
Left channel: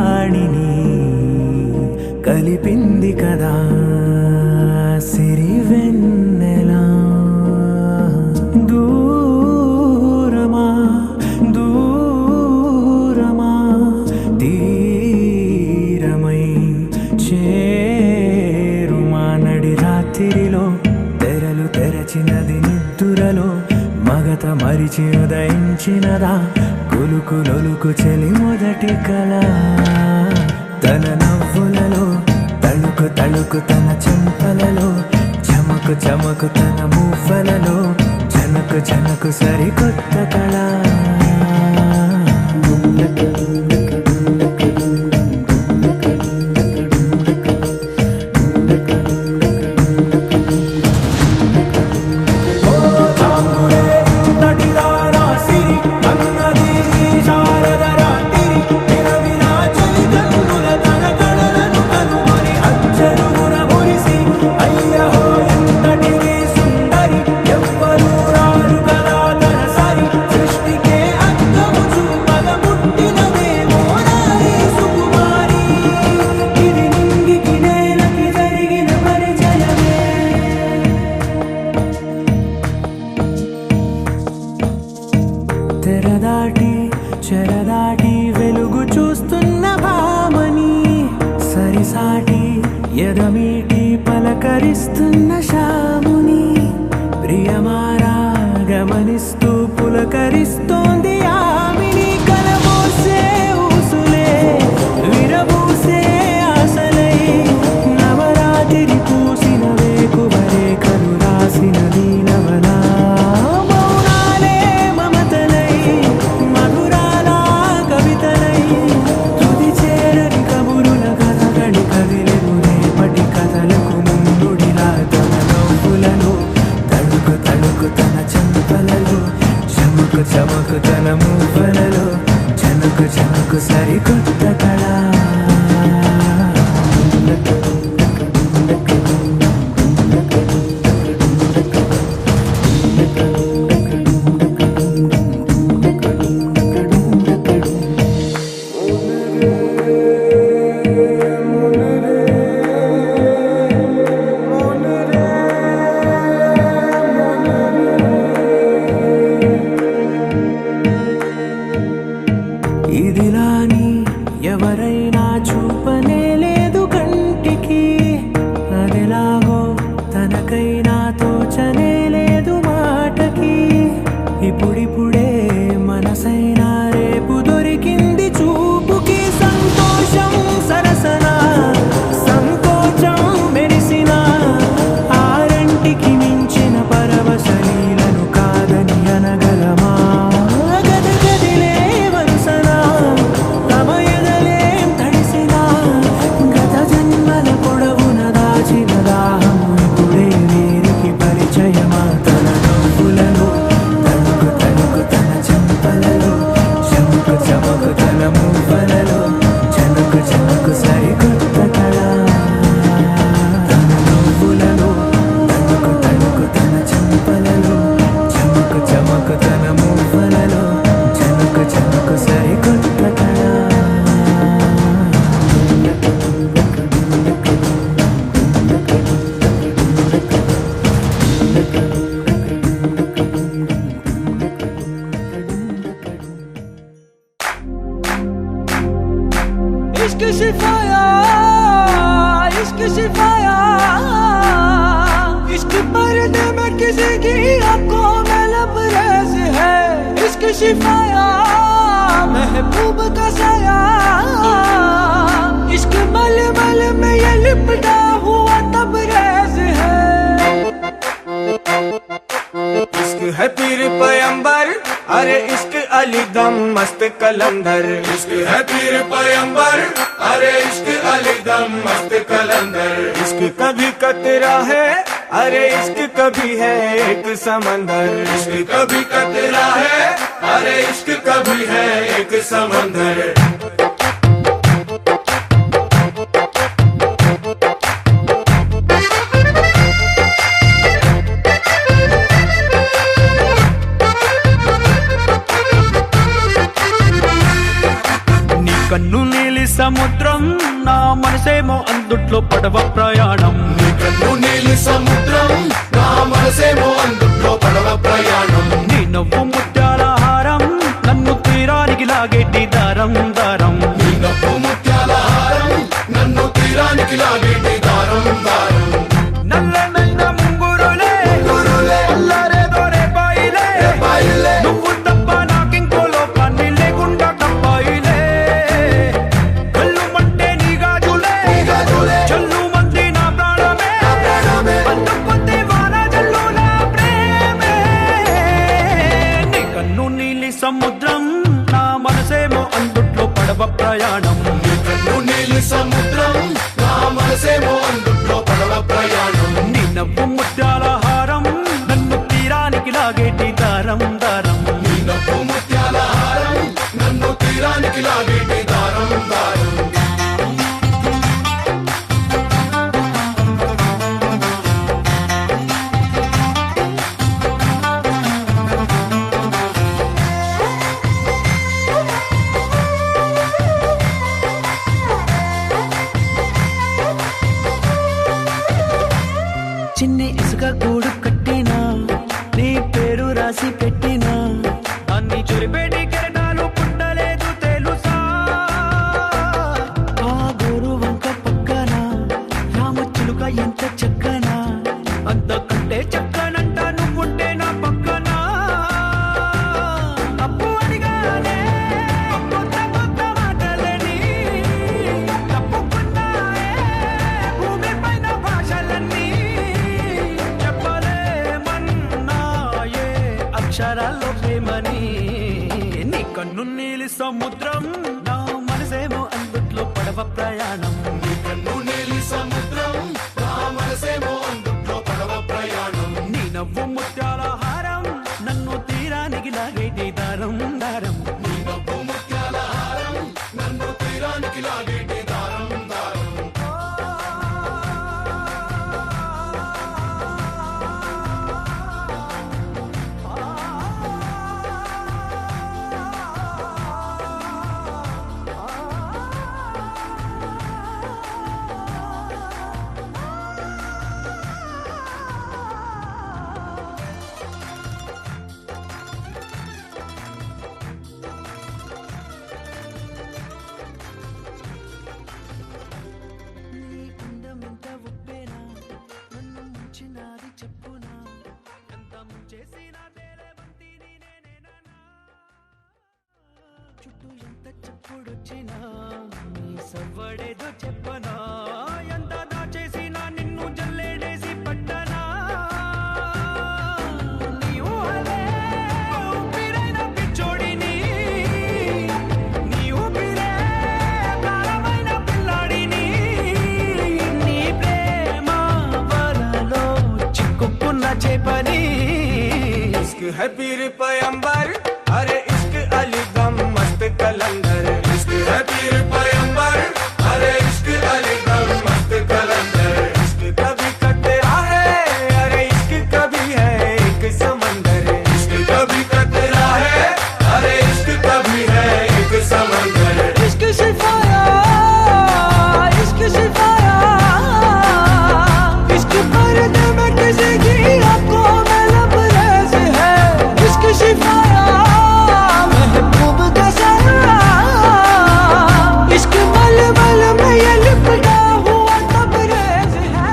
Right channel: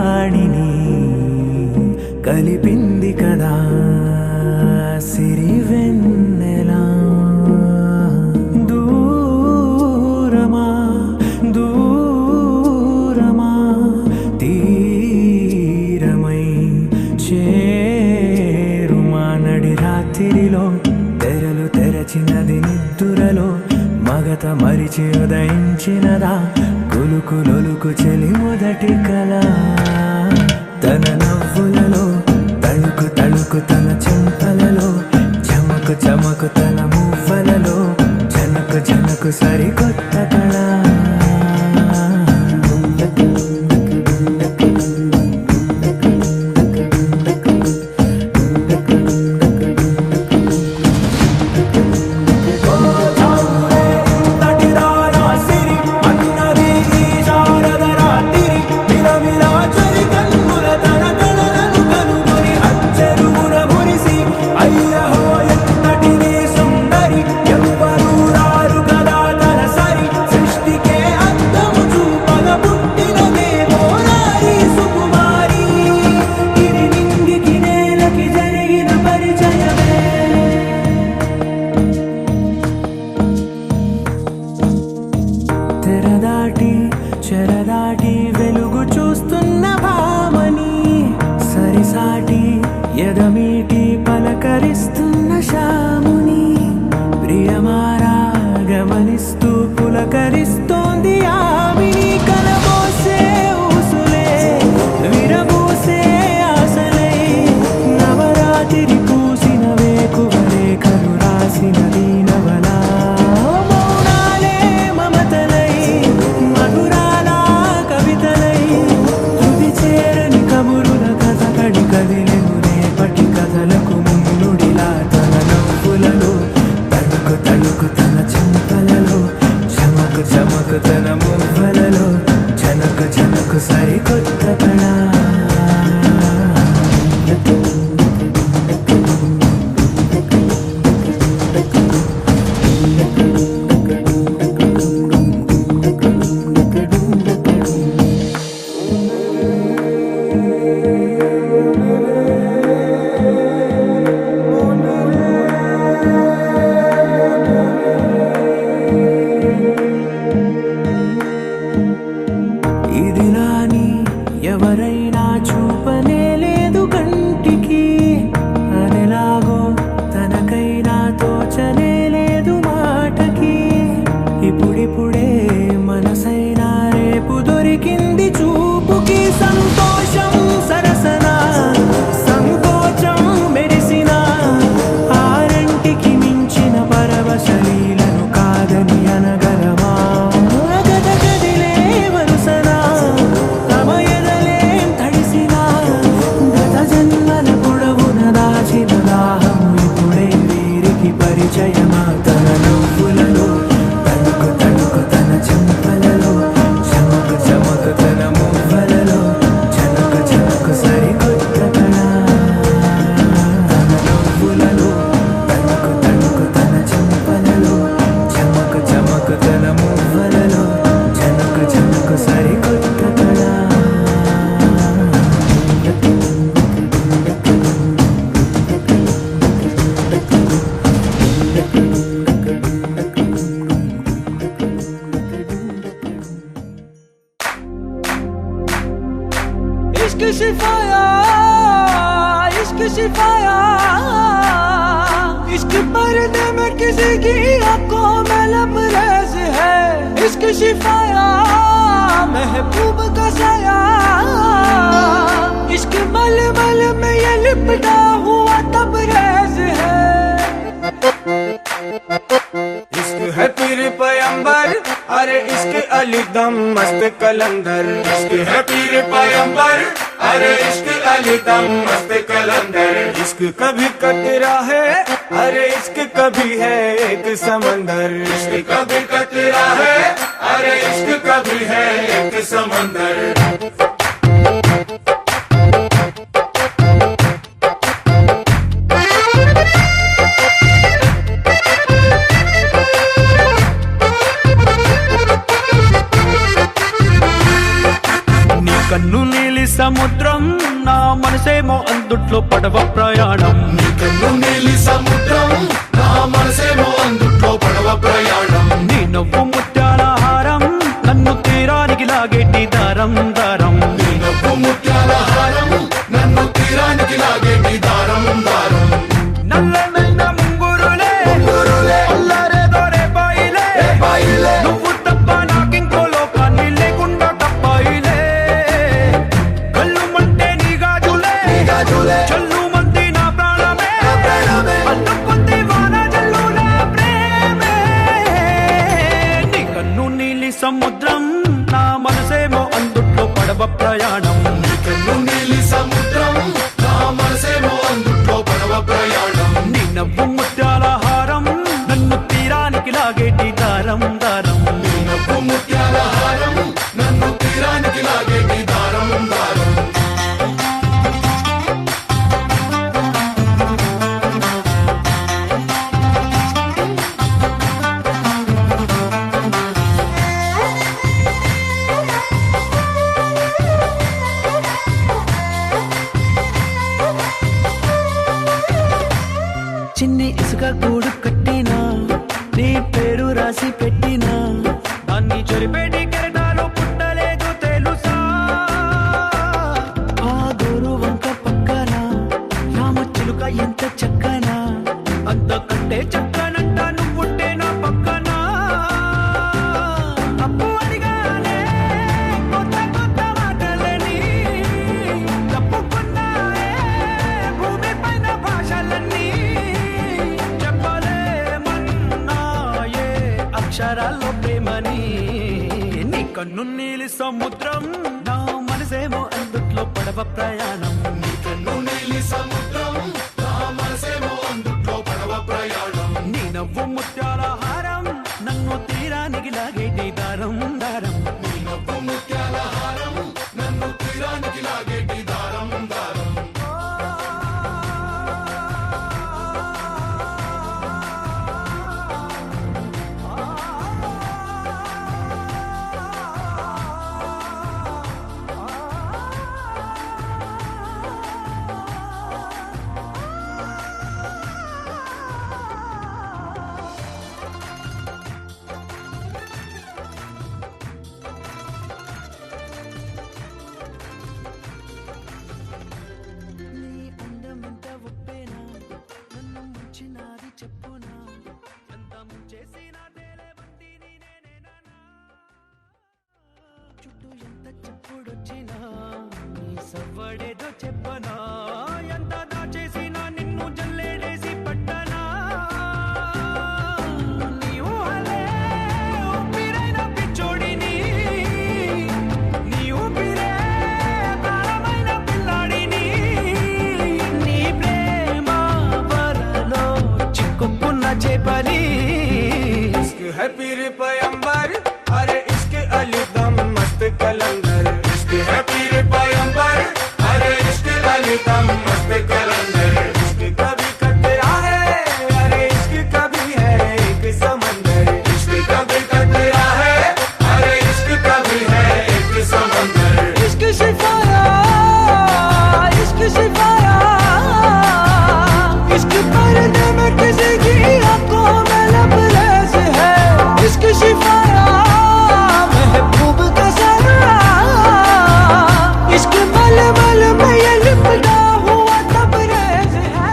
వాణిని కలిపింది కదా సిరి వెన్నెలా దూరమా దూరమా తీరమై చేరుమా నడి రాత్రిలో తెరలు తెరచినది నిద్దురలో మగత మరిచి ఉదయించినదా కులుకు లొలుకు చెలి మొదటి కళ తన నవ్వులలో తళుకు తళుకు తన చెంపలలో చమకు చమకు తన మువ్వలలో జనకు జనకు సరికొత్త కళ తెరదాటి చెరదాటి వెలుగు చూస్తున్న భామని సరిసాటి ఎదమీటి పలకరిస్తున్న శాముని ప్రియమారా గమనిస్తూ పులకరిస్తోంది ఆమిని కలబోసే ఊసులే విరబూసే ఆశలై నవరాత్రి పూసిన వేకువరే కలు రాసిన దీనవలా కదిలెను రేపటి కథలకు ముందుడిలా తన నవ్వులలో తళుకు తళుకు తన చెంపలలో చమకు చమకు తన మువ్వలలో జనకు జనకు సరికొత్త కళ ఇదిలాని ఎవరైనా చూపనే లేదు కంటికి అదెలాగో తనకైనా తోచనే లేదు మాటకి ఇప్పుడిప్పుడే మనసైనా రేపు దొరికింది చూపుకి సంతోషం సరసన సంకోచం మెరిసిన ఆరంటికి మించిన పరవశలీలను కాదని అనగలమా దాహము ఇప్పుడే వీరికి పరిచయమా తన నవ్వులలో తణుకు తణుకు తన చెంపలలో చమకు చమకు తన మువ్వలలో జనకు జనకు సరికొత్త కళ తన నవ్వులలో తణుకు తణుకు తన చెంపలలో చమకు చమకు తన మువ్వలలో జనకు జనకు సరికొత్త కళ इश्क शिफाया इश्क शिफाया इश्क पर्दे में किसी की आंखों में लबरेज है इश्क शिफाया महबूब का साया इश्क मल मल में ये लिपटा हुआ तबरेज है इश्क है पीर पैगंबर अरे इश्क अली दम मस्त कलंदर इश्क है पीर पैगंबर अरे इश्क अली दम मस्त कलंदर इश्क कभी कतरा है अरे इश्क कभी है एक समंदर इश्क कभी कतरा है अरे इश्क कभी है एक समंदर కన్ను నీలి నీలి సముద్రం నా మనసేమో అందుట్లో పడవ ప్రయాణం నీలి సముద్రం నా మనసేమో అందుట్లో పడవ ప్రయాణం నీ నవ్వు ముత్యాల హారం నన్ను తీరానికి లాగేటి దారం దారం నవ్వు ముత్యాల హారం నన్ను తీరానికి లాగేటి దారం దారం నల్లనైన ముంగురులే అల్లారేదో రేపాయిలే నువ్వు తప్ప నాకింకో లోకాన్ని లేకుండా కప్పాయిలే కళ్ళు మంటే నీ గాజులే చల్లు మంది నా ప్రాణమే అందుకుంది వాన జల్లుల ప్రేమే నీ కన్ను నీలి సముద్రం నా మనసేమో అందుట్లో పడవ ప్రయాణం నీలి సముద్రం నా మనసేమో అందుట్లో పడవ ప్రయాణం నీ నవ్వు ముత్యాల హారం నన్ను తీరానికి లాగేటి దారం దారం నవ్వు ముత్యాల హారం నన్ను తీరానికి లాగేటి దారం దారం చిన్ని ఇసుక గూడు కట్టినా నీ పేరు రాసి పెట్టినా దాన్ని చొరిపేటి కెరటాలు పుట్టలేదు తెలుసా ఆ గోరు వంక పక్కన రామచిలుక ఎంత చక్కనా అంతకంటే చక్కనంట నువ్వుంటే నా పక్కన అప్పు అడిగానే కొత్త కొత్త మాటలని తప్పుకున్నాయే భూమి పైన భాషలన్నీ చెప్పలేమన్నాయే అక్షరాల్లో ప్రేమని నీ కన్ను నీలి సముద్రం నా మనసేమో అందుట్లో పడవ ప్రయాణం నీలి సముద్రం నా మనసేమో అందుట్లో పడవ ప్రయాణం నీ నవ్వు ముత్యాల హారం నన్ను తీరానికి లాగేటి దారం దారం నవ్వు ముత్యాల హారం నన్ను తీరానికి లాగేటి దారం దారం నీ అందం ఎంత ఒప్పేనా నన్ను ముంచినాది చెప్పునా ఎంత ముంచేసినా తేలేబంతి నేనేనా చుట్టూ ఎంత చెప్పుడొచ్చినా నీ సవ్వడేదో చెప్పనా ఎంత దాచేసినా నిన్ను జల్లేడేసి పట్టనా నీ ఊహలే ఊపిరైన పిచ్చోడిని నీ ఊపిరే ప్రాణమైన పిల్లాడిని నీ ప్రేమ వలలో చిక్కుకున్న చేపని इश्क है पीर पैगंबर अरे इश्क अली दम मस्त कलंदर इश्क है पीर पैगंबर अरे इश्क अली दम मस्त कलंदर इश्क कभी कतरा है अरे इश्क कभी है एक समंदर इश्क कभी कतरा है अरे इश्क कभी है एक समंदर इश्क शिफाया इश्क शिफाया इश्क पर्दे में किसी की आंखों में लबरेज है इश्क शिफाया महबूब का सरा इश्क मलमल में ये लिपटा हुआ तबरेज है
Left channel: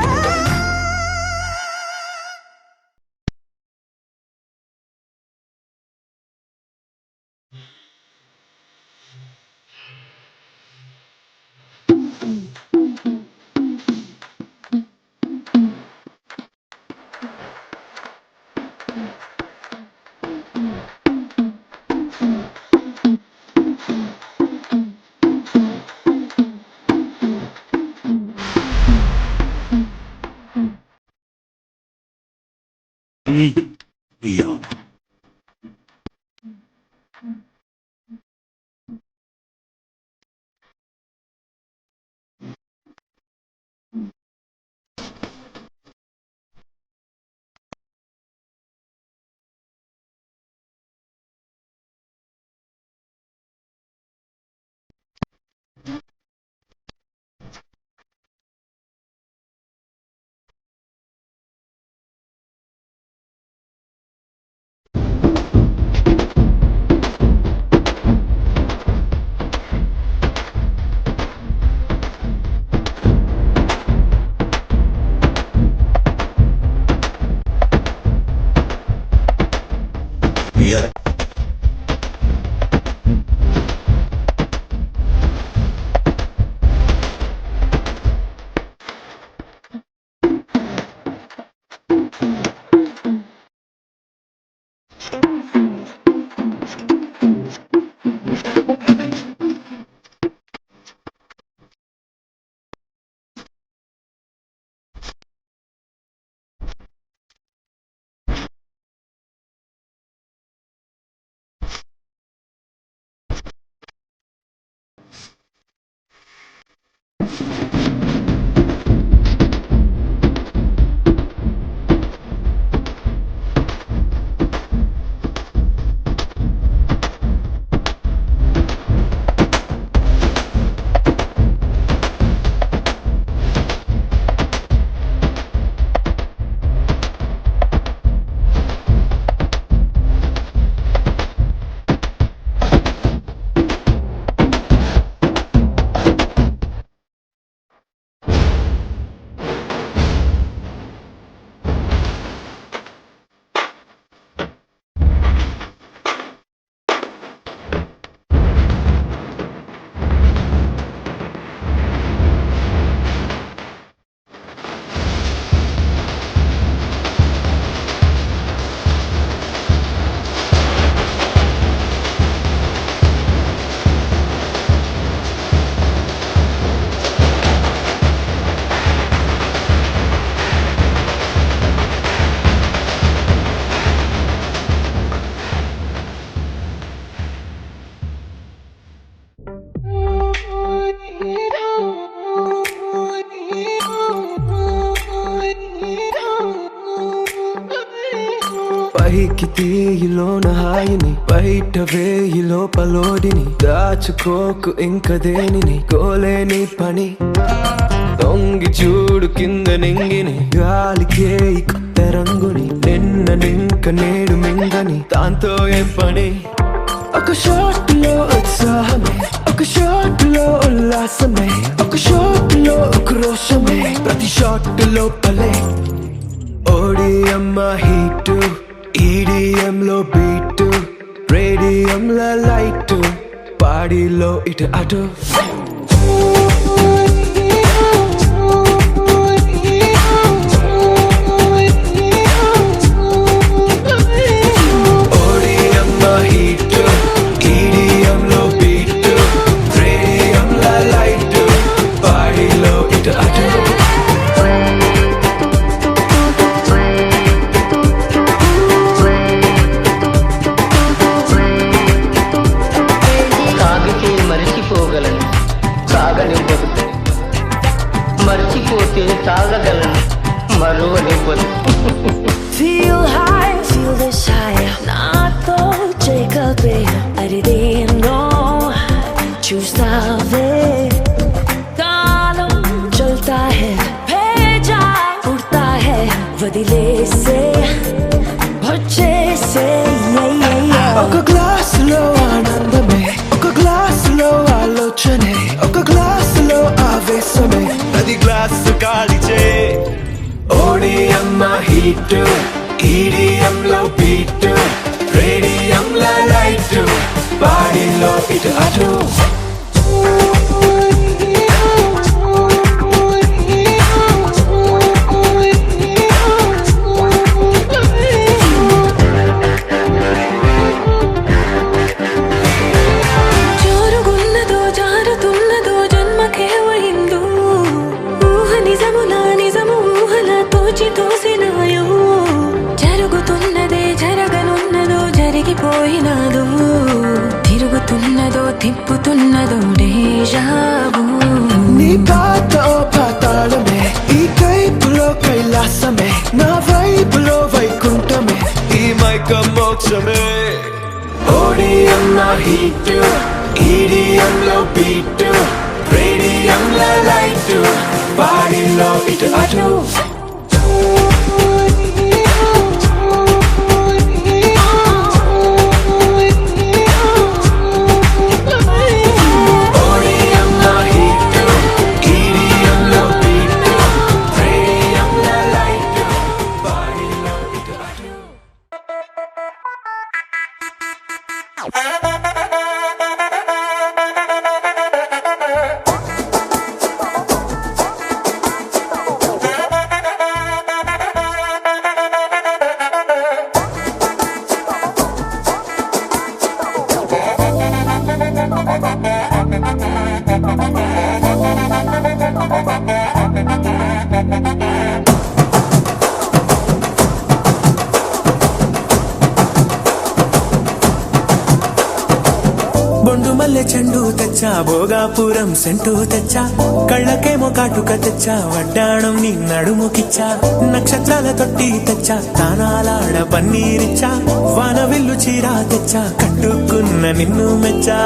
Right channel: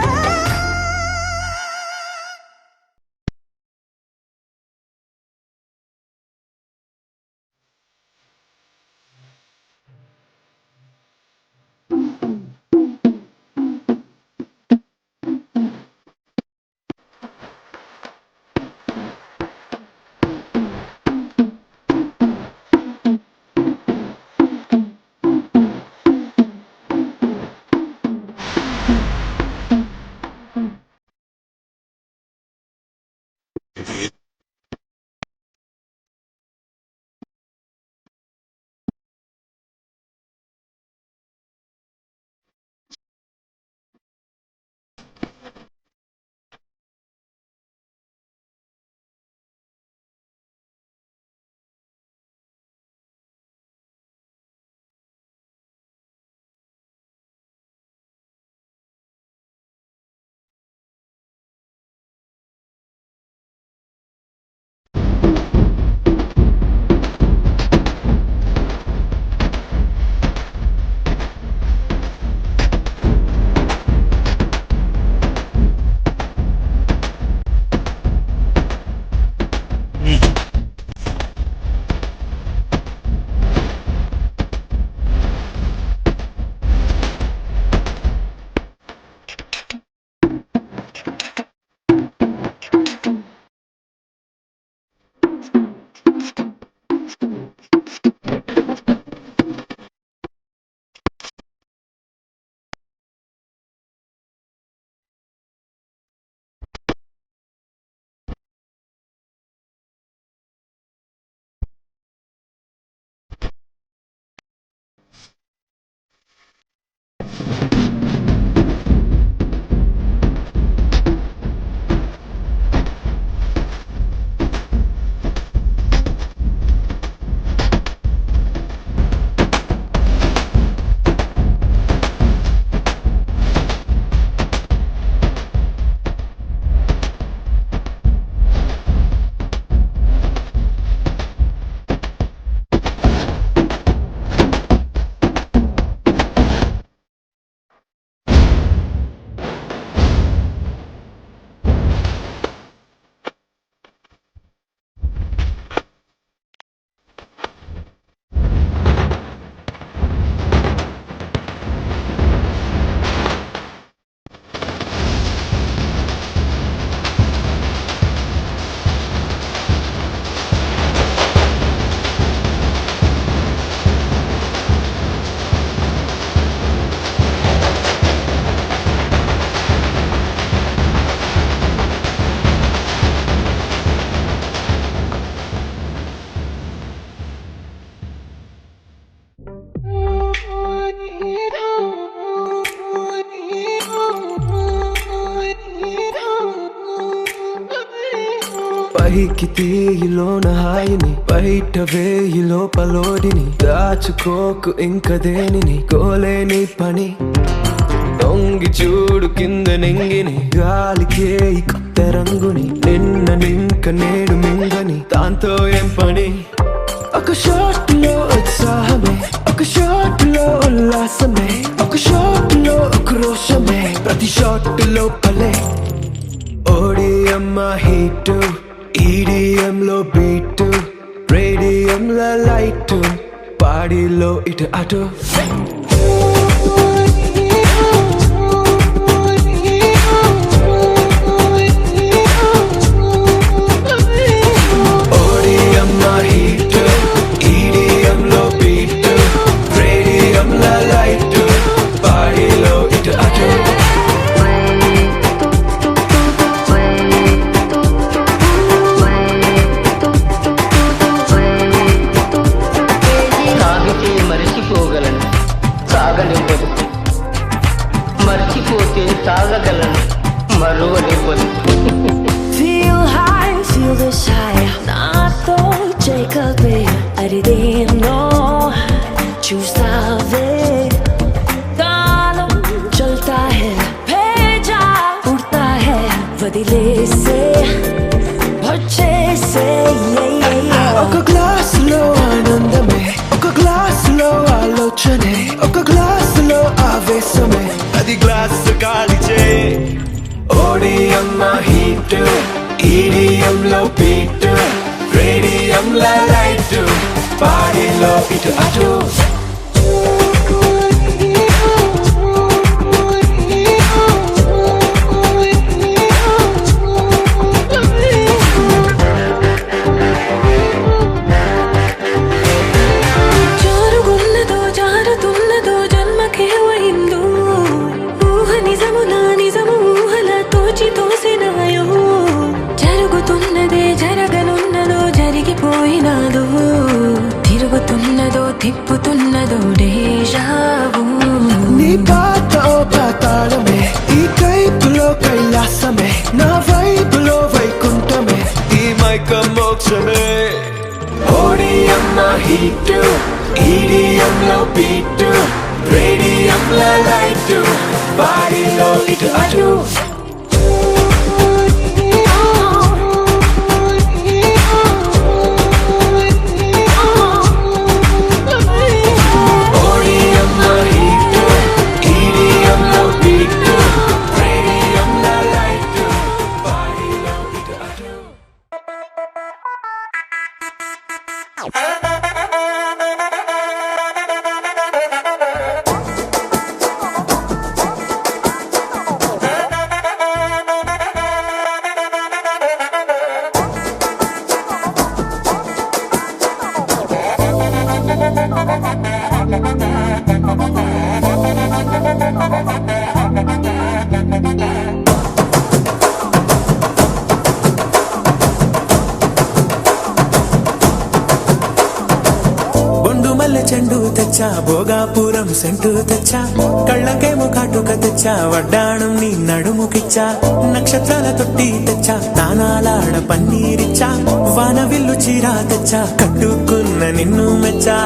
పైకి తీయిలోన హాయిని బయట వేయి లోపలోడిని దాచుకోకు ఇంక దేనిని కోలేని పని తొంగి చూడు కింద నింగిని గాలికే ఈ కొత్త రంగుని నిన్న నింక నేడు మింగని దాంతో ఏం పని ఒక షాట్ లో ఉత్సాహమే ఒక షాట్ లో ఉల్లాసమే ఒక షాట్ లో ఉక్రోషమే ప్రతి షాట్ లోపలే ఓడియమ్మ హీట్ ఈడిఎం లో బీట్ రేడియం లో లైట్ పాడిలో ఇటు అటు ఓడియమ్మ హీట్ ఈడిఎం లో బీట్ రేడియం లో లైట్ పాడిలో ఇటు అటు సాగితే మరిచిపోగలను సాగనివ్వదు మర్చిపోతే తాగగలను మరువనివ్వదు Feel high, feel this high నాతో చేకల్పే అరిదేనో చూస్తావే కాలం చల్తా హై భేజా ఉడతా హై వదిలేసే వచ్చేసే ఒక గ్లాస్ లో ఆనందమే ఒక గ్లాస్ లో ఆలోచనే ఒక గ్లాస్ లో ఆవేశమే అది గ్లాస్ కాలిచే ఓడియమ్మ హీట్ ఈడిఎం లో బీట్ రేడియం లో లైట్ పాడిలో ఇటు అటు జోరుగున్నదో జారుతున్నదో జన్మకే అయిందో ఊహ నిజములా నిజము ఊహలా తోచి తోసినాయో జరుగుతున్నదే జరగనున్నదో జరిగిపోయినాదో తిరుగుతున్నదో తిప్పుతున్నదో డేజావు నీ పాత ఓ పాతాళమే ఈ కైపులో కైలాసమే నా వైపులో వైకుంఠమే ఈ మైక మోక్షమే ఓడియమ్మ హీట్ ఈడిఎం లో బీట్ రేడియం లో లైట్ పాడిలో ఇటు అటు ఓడియమ్మ హీట్ ఈడిఎం లో బీట్ రేడియం లో లైట్ పాడిలో ఇటు అటు బొండు మల్లె చెండు తెచ్చా భోగాపురం సెంటు తెచ్చా కళ్ళకేమో కాటుక తెచ్చా వడ్డాణం నీ నడుముకిచ్చా నక్షత్రాల తొట్టి తెచ్చా తానాలాడ పన్నీరిచ్చా వాన విల్లు చీరా తెచ్చా కట్టుకున్న నిన్ను మెచ్చా